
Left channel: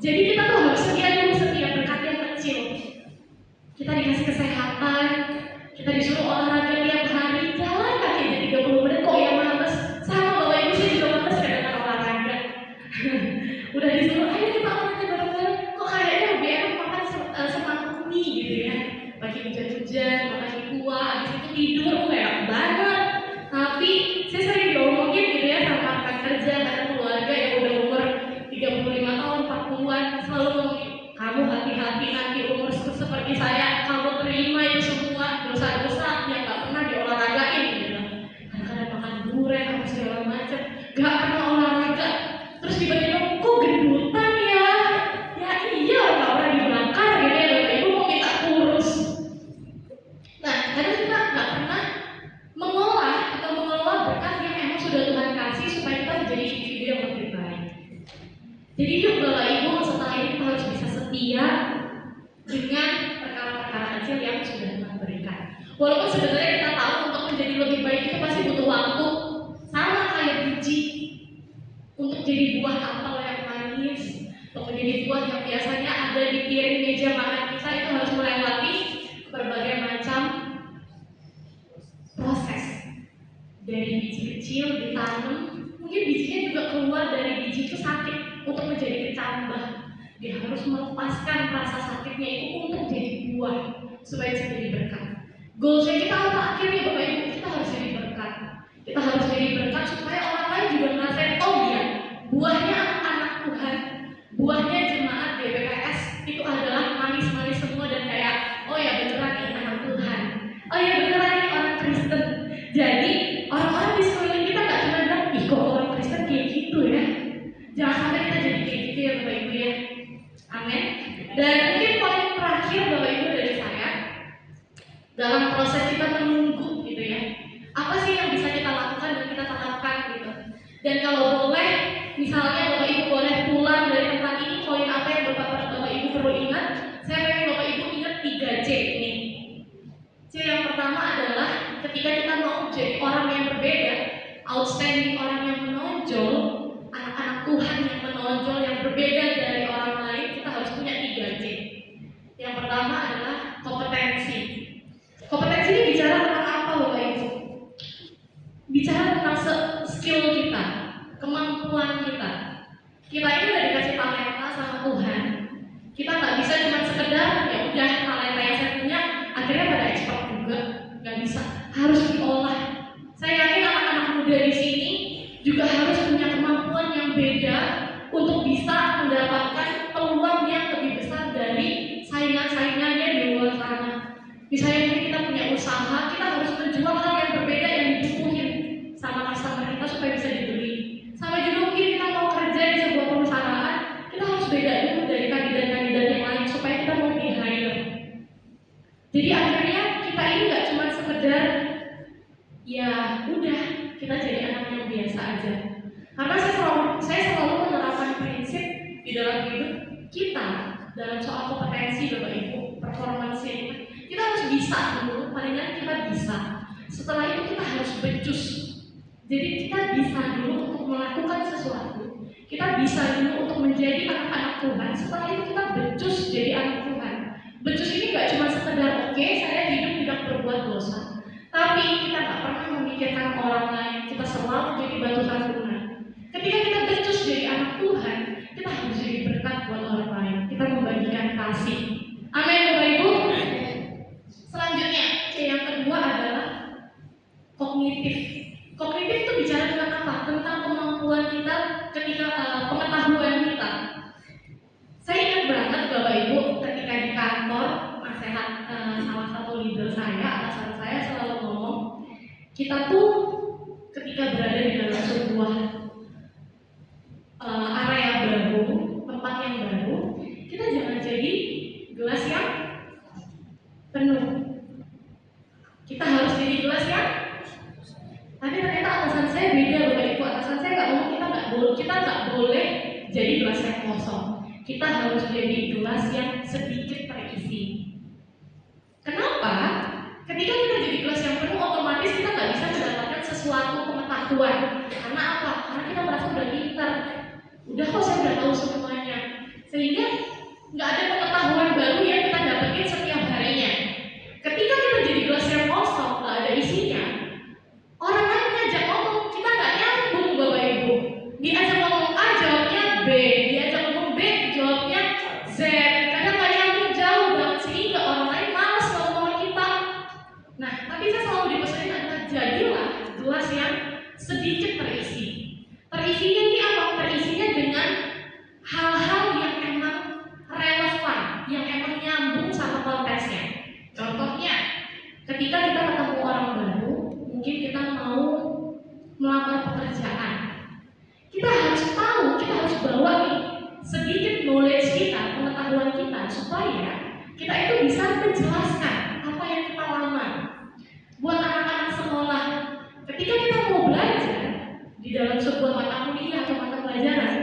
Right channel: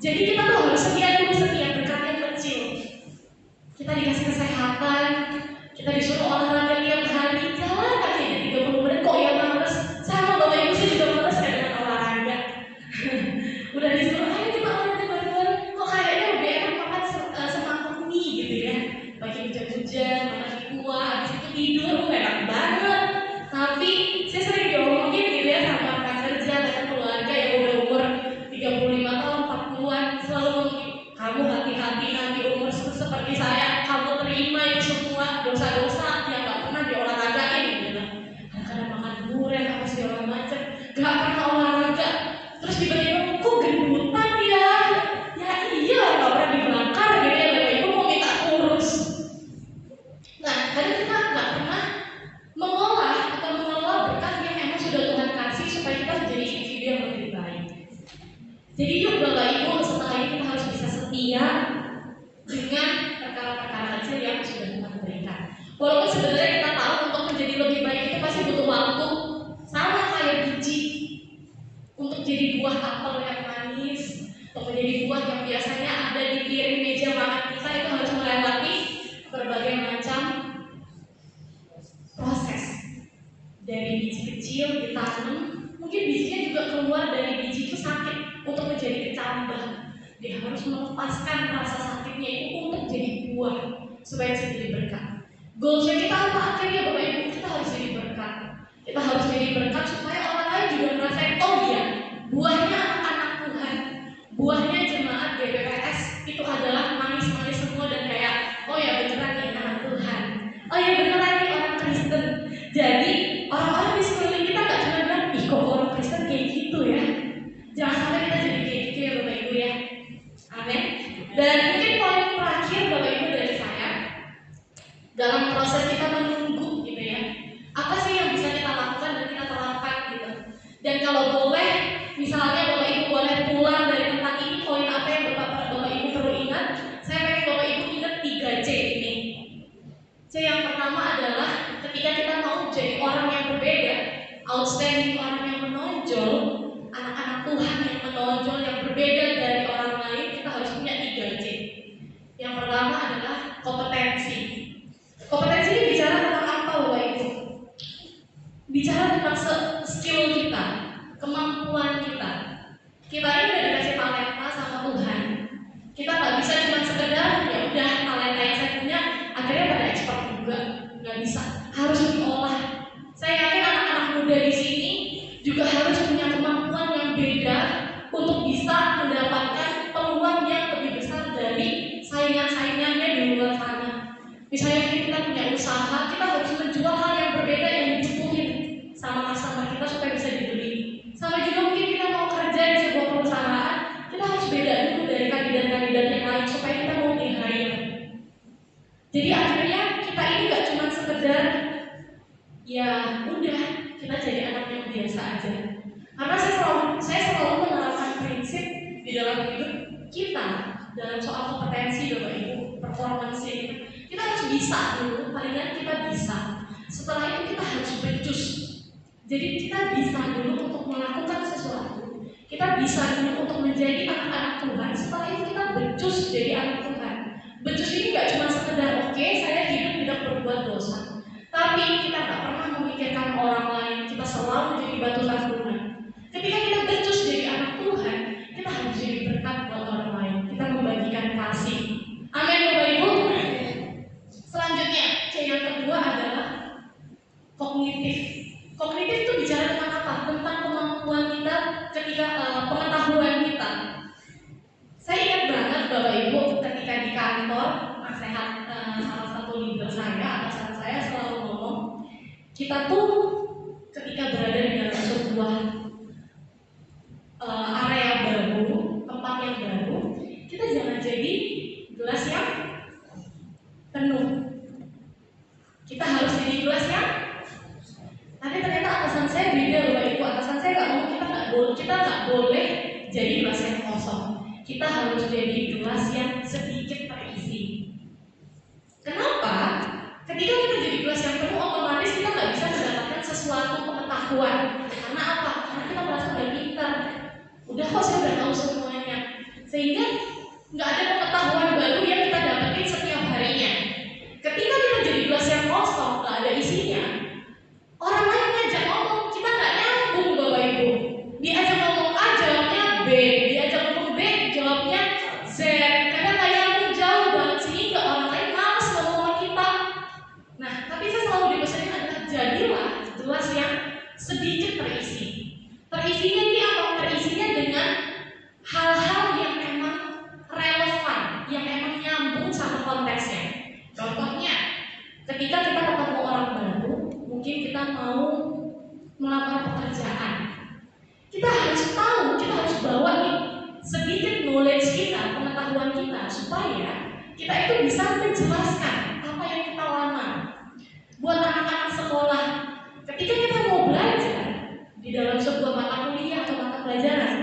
Jadi kita tuh harus setia dulu, setia berkat yang kecil. Kita dikasih kesehatan, kita disuruh olahraga tiap hari, jalan kaki aja 30 menit, kok yang males? Sama Bapak Ibu sih juga males ya dengan olahraga. Udah disuruh, ayo kita olahraga bareng-bareng, kok kayaknya lebih enak makan semangkuk mie gitu ya. Pagi hujan-hujan, makan kuah, habis itu tidur, enak banget. Tapi saya sering diomongin gitu ya sama rekan kerja, sama keluarga yang udah umur 35 tahun, 40-an, selalu ngomongin, kamu hati-hati nanti umur seperti saya, kamu terima itu semua dosa-dosa yang gak pernah diolahragain gitu. Kadang-kadang makan durian, apa segala macam, gak pernah olahraga. Terus tiba-tiba, kok gendutan ya? Ya iya, gak pernah dibakar gitu ya, Bapak Ibu mau minta kurus. Nah, karena kita gak pernah mengolah atau mengelola berkat yang emang sudah Tuhan kasih supaya kita menjadi individu yang lebih baik. Jadi yuk Bapak Ibu, setelah ini kita harus bisa setia dengan perkara-perkara kecil yang sudah Tuhan berikan. Walaupun sebenarnya kita tahu untuk menjadi lebih baik itu pasti butuh waktu, sama kayak biji. Untuk jadi buah apel yang manis, untuk menjadi buah yang biasanya ada di piring meja makan kita, itu harus melewati berbagai macam proses. Dari biji kecil ditanam, mungkin bijinya juga keluar dari biji itu sakit untuk menjadi kecambah. Dia harus melepaskan rasa sakitnya itu untuk jadi buah supaya bisa jadi berkat. Goalsnya kita apa? Akhirnya Bapak Ibu, kita harus jadi berkat. Kita harus jadi berkat supaya orang lain juga ngerasain, oh iya, buahnya anak Tuhan, buahnya jemaat GBPS itu adalah manis-manis semua dan kayak, oh ya beneran nih anak Tuhan, oh ya beneran nih orang Kristen. Jadi orang-orang di sekeliling kita nggak cuma bilang, ih kok orang Kristen kayak gitu ya. Jangan sampai kita jadi kayak gitu ya Bapak Ibu ya. Amin. Dan mungkin poin terakhir Bapak Ibu dari saya, dalam proses kita menunggu gitu ya, apa sih yang bisa kita lakukan dan kita terapkan gitu. Dan kalau boleh, misalnya Bapak Ibu boleh pulang dari tempat ini, poin apa yang Bapak Ibu perlu ingat? Saya pengen Bapak Ibu ingat 3C ini. C yang pertama adalah ketika kita mau jadi orang yang berbeda, outstanding, orang yang menonjol, anak-anak Tuhan yang menonjol, yang berbeda dari orang lain, kita harus punya 3C. Yang pertama adalah kompetensi. Kompetensi ini bicara tentang apa Bapak Ibu? Bicara tentang skill kita, kemampuan kita. Kita ini udah dikasih talenta sama Tuhan. Kita nggak bisa cuma sekedar ya udah talenta yang saya punya akhirnya pada ekspor juga, nggak bisa. Harus diolah. Saya yakin anak-anak muda di sini juga harus punya kemampuan yang beda untuk bisa mendapatkan peluang yang lebih besar dari saingan-saingannya di luar sana. Misalnya kita punya usaha, kita harus menjual hal yang berbeda yang dibutuhin sama customer kita supaya bisa kita jadi anak yang biasa aja. Karena saya selalu menerapkan prinsip di dalam hidup kita dalam soal kompetensi Bapak Ibu, performance kita harus bisa dulu, palingan kita bisa. Setelah itu kita harus becus. Jadi kita bisa dulu untuk melakukan sesuatu. Kita bisa dulu untuk menjadi anak-anak Tuhan. Setelah itu kita becus jadi anak Tuhan. Becus ini gak cuma sekedar oke, saya hidup tidak berbuat dosa, tapi kita gak pernah memikirkan orang lain. Kita selalu jadi batu sandungan. Ketika kita becus jadi anak Tuhan, kita harus jadi berkat buat orang lain. Kita membagikan kasih. Amin Bapak Ibu. Selanjutnya, C yang kedua adalah kognitif. Kognitif itu bicara tentang apa? Tentang kemampuan kita ketika pengetahuan kita. Saya ingat banget Bapak Ibu ketika di kantor nasihat salah satu leader saya, atasan saya selalu ngomong, kita tuh ketika berada di dalam sebuah area baru, tempat yang baru, kita jangan jadi gelas yang penuh. Kita harus jadi gelas yang, tapi ternyata atasan saya beda Bapak Ibu. Atasan saya nggak ngomong kita nggak boleh jadi gelas yang kosong. Kita harus jadi gelas yang sedikit terisi. Kenapa? Ketika kita jadi gelas yang penuh, otomatis kita nggak bisa mendapatkan sesuatu pengetahuan. Karena apa? Karena kita merasa udah pintar. Udah kok saya udah tahu semuanya. Sehingga nggak ada pengetahuan baru yang kita dapetin setiap harinya. Ketika kita jadi gelas yang kosong, nggak ada isinya, orang lain ngajak ngomong, kita nggak nyambung Bapak Ibu. Diajak ngomong A, jawabnya B. Diajak ngomong B, jawabnya Z. Kadang nggak nyambung jauh banget sehingga orang lain malas ngomong sama kita. Nah, tapi saya selalu dipesanin adalah jadilah gelas yang sedikit terisi. Terisinya ini apa? Terisinya dengan hal-hal yang memang relevan, yang memang nyambung sama konteksnya. Contohnya, ketika kita ketemu orang baru, mungkin kita mau melamar pekerjaan, kita harus tahu, kita harus bawa nih sedikit knowledge kita, pengetahuan kita, supaya kita itu bisa menjelaskan apa yang kita lamar. Buat anak-anak sekolah, ketika kita mau belajar di dalam sebuah mata kuliah atau mata pelajaran,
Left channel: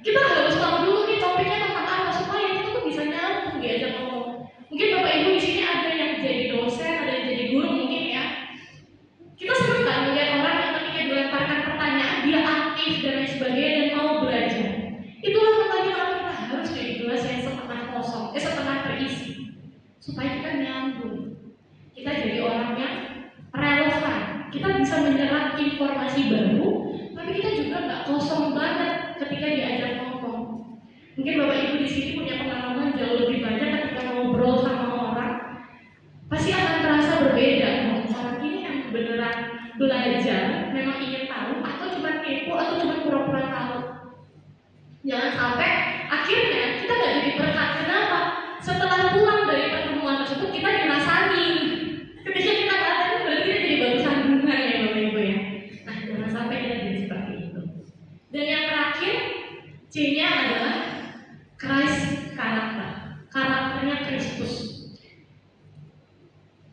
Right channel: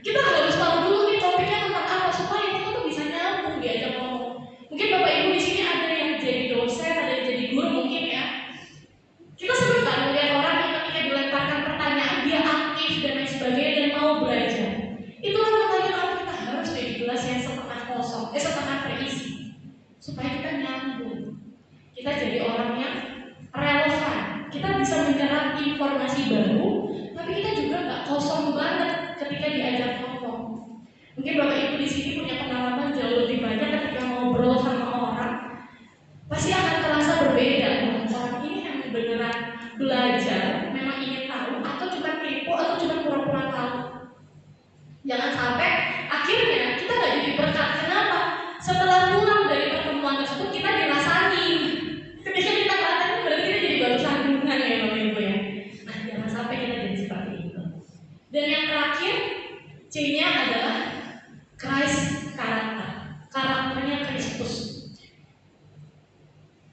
kita harus tahu dulu nih topiknya tentang apa supaya kita tuh bisa nyambung diajak ngomong. Mungkin Bapak Ibu di sini ada yang jadi dosen, ada yang jadi guru mungkin ya. Kita sering kan melihat orang yang ketika dilemparkan pertanyaan dia aktif dan lain sebagainya dan mau belajar. Itulah makanya kita harus jadi gelas yang setengah kosong, setengah terisi, supaya kita nyambung. Kita jadi orang yang relevan. Kita bisa menyerap informasi baru, tapi kita juga nggak kosong banget ketika diajak ngomong. Mungkin Bapak Ibu di sini punya pengalaman jauh lebih banyak ketika ngobrol sama orang, pasti akan terasa berbeda. Orang ini yang beneran belajar, memang ingin tahu, atau cuma kepo, atau cuma pura-pura tahu. Jangan sampai akhirnya kita nggak jadi berkat. Kenapa? Setelah pulang dari pertemuan tersebut kita dirasain. Ketika kita ngatakan berarti kita jadi baru sandungan ya Bapak Ibu ya. Nah, jangan sampai kita jadi seperti itu. Dan yang terakhir, C-nya adalah Christ karakter. Karakternya Kristus.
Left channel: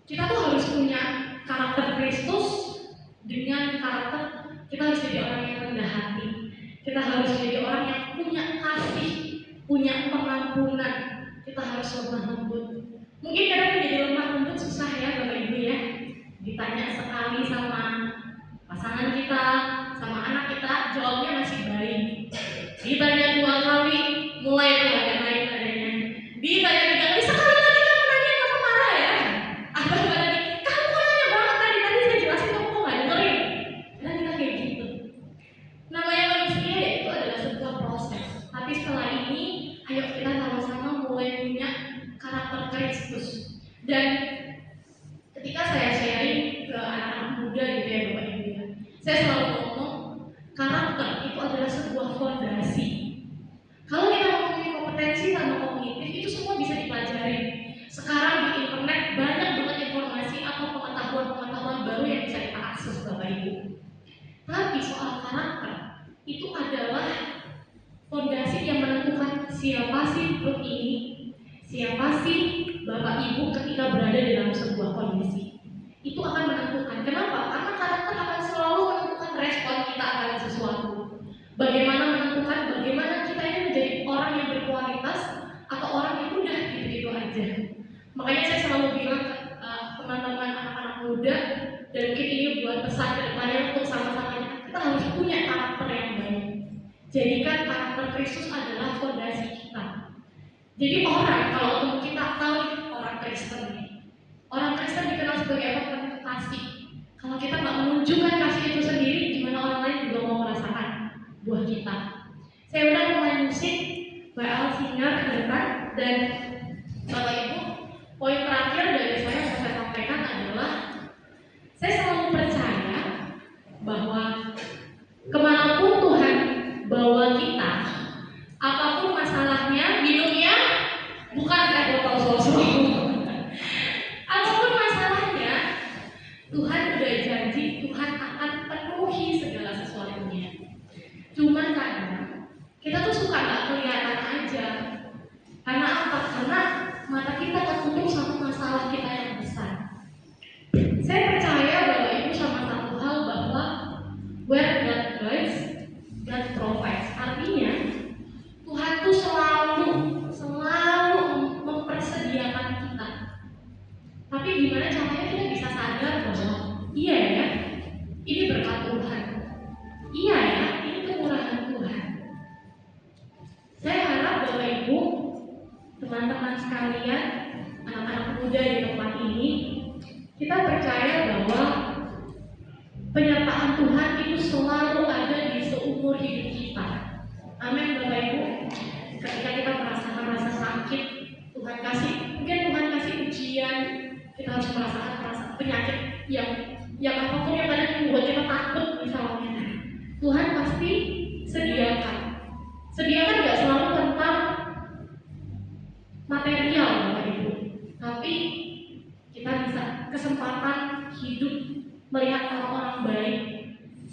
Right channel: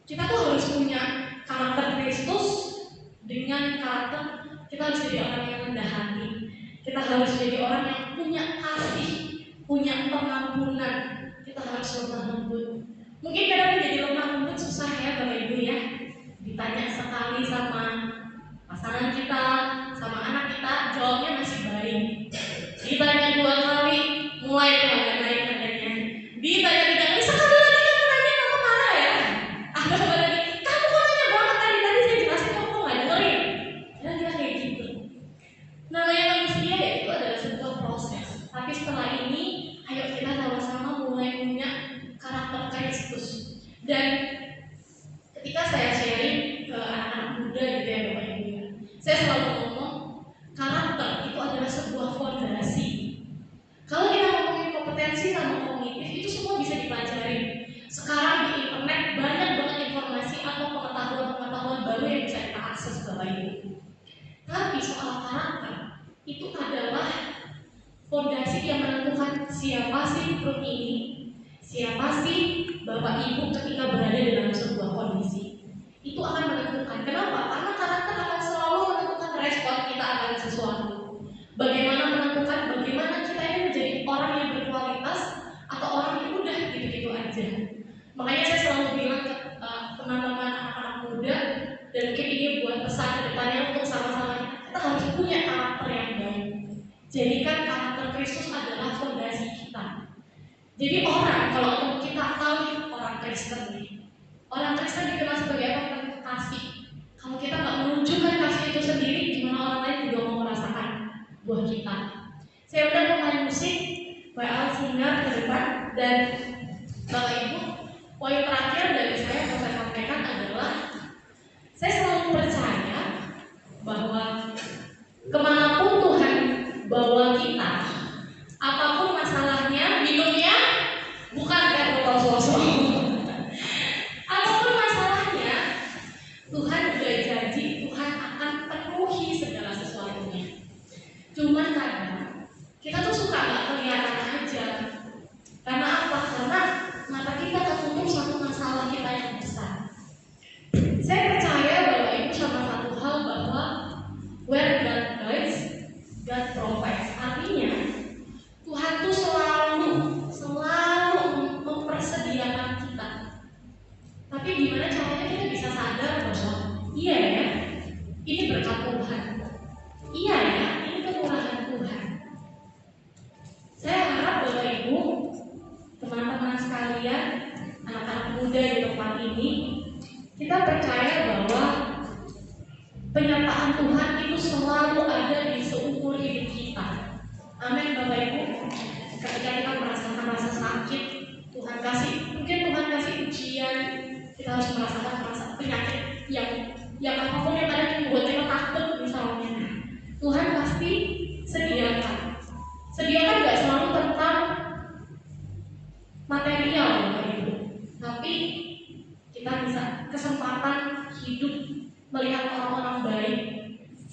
Kita tuh harus punya karakter Kristus. Dengan karakter kita harus jadi orang yang rendah hati. Kita harus jadi orang yang punya kasih, punya pengampunan. Kita harus lemah lembut. Mungkin kadang menjadi lemah lembut susah ya Bapak Ibu ya. Ditanya sekali sama pasangan kita, sama anak kita, jawabnya masih baik. Ditanya 2 kali, mulai tuh agak naik nadanya. Ditanya 3 kali, sekali lagi kamu nanya, kamu marah ya? Agak lagi, kamu kok nanya banget tadi saya jelasin kamu kok nggak dengerin? Kira-kira kayak gitu. Namanya manusia ya itu adalah sebuah proses. Tapi setelah ini, ayo kita sama-sama mulai punya karakter Kristus. Dan ketika saya sharing ke anak-anak muda gitu ya Bapak Ibu, saya selalu ngomong karakter itu adalah sebuah fondasi. Kalau kita ngomongin kompetensi sama kognitif itu semua bisa dipelajari. Sekarang di internet banyak banget informasi atau pengetahuan-pengetahuan baru yang bisa kita akses Bapak Ibu. Tapi soal karakter itu adalah fondasi yang menentukan siapa sih grup ini, siapa sih Bapak Ibu ketika berada dalam sebuah kondisi. Itu akan menentukan. Kenapa? Karena karakter akan selalu menentukan Bagaimana menentukan bagaimana kita ini menjadi orang yang berkualitas atau orang yang udah gitu-gitu aja. Makanya saya selalu bilang ke teman-teman anak-anak muda, dan mungkin ini buat pesan ke depannya untuk sama-sama kita harus punya karakter yang baik. Jadikan karakter Kristus adalah fondasi kita. Jadi orang, kalau kita tahu orang Kristen nih, orang Kristen dikenal sebagai apa? Penuh kasih. Kalau kita nggak menunjukkan kasih itu sendiri, gimana orang lain juga mau merasakan buah kita? Saya udah pemain musik, WL singer ke depan, dan Bapak Ibu, poin terakhir dari saya yang saya sampaikan adalah saya selalu percaya bahwa kemanapun Tuhan bawa kita, apapun masalahnya, minumnya bukan kayak botol solo. Apapun masalahnya, Tuhan udah janji Tuhan akan penuhi segala sesuatunya. Cuman kadang kita tuh suka nggak kelihatan aja. Karena apa? Karena mata kita tertutup sama masalah kita yang besar. Saya percaya Bapak Ibu sama satu hal, bahwa where God guides, God provides. Artinya Tuhan tuh selalu mempersediakan kita. Tapi gimana caranya kita bisa sadar bahwa iya ya, ini berkat Tuhan. Iya ya, ini kemurahan Tuhan. Saya harap Bapak Ibu, teman-teman sekalian, anak-anak muda di tempat ini, kita percaya bahwa penyertaan Tuhan itu selalu ada di seumur hidup kita. Amin Bapak Ibu. Ketika kita merasakan rasa sakit, Tuhan kasih, mungkin Tuhan kasih ujian, kita harus merasakan penyakit yang apapun yang ada yang membuat kita takut misalnya. Tuhan pasti sediakan. Sediakan nggak selalu tentang material Bapak Ibu, tapi kita bisa kesempatan hidup, melihat orang-orang baik,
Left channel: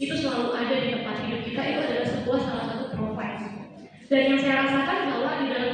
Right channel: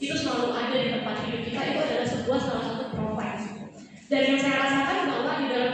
itu selalu ada di tempat hidup kita. Itu adalah sebuah salah satu provide. Dan yang saya rasakan bahwa di dalam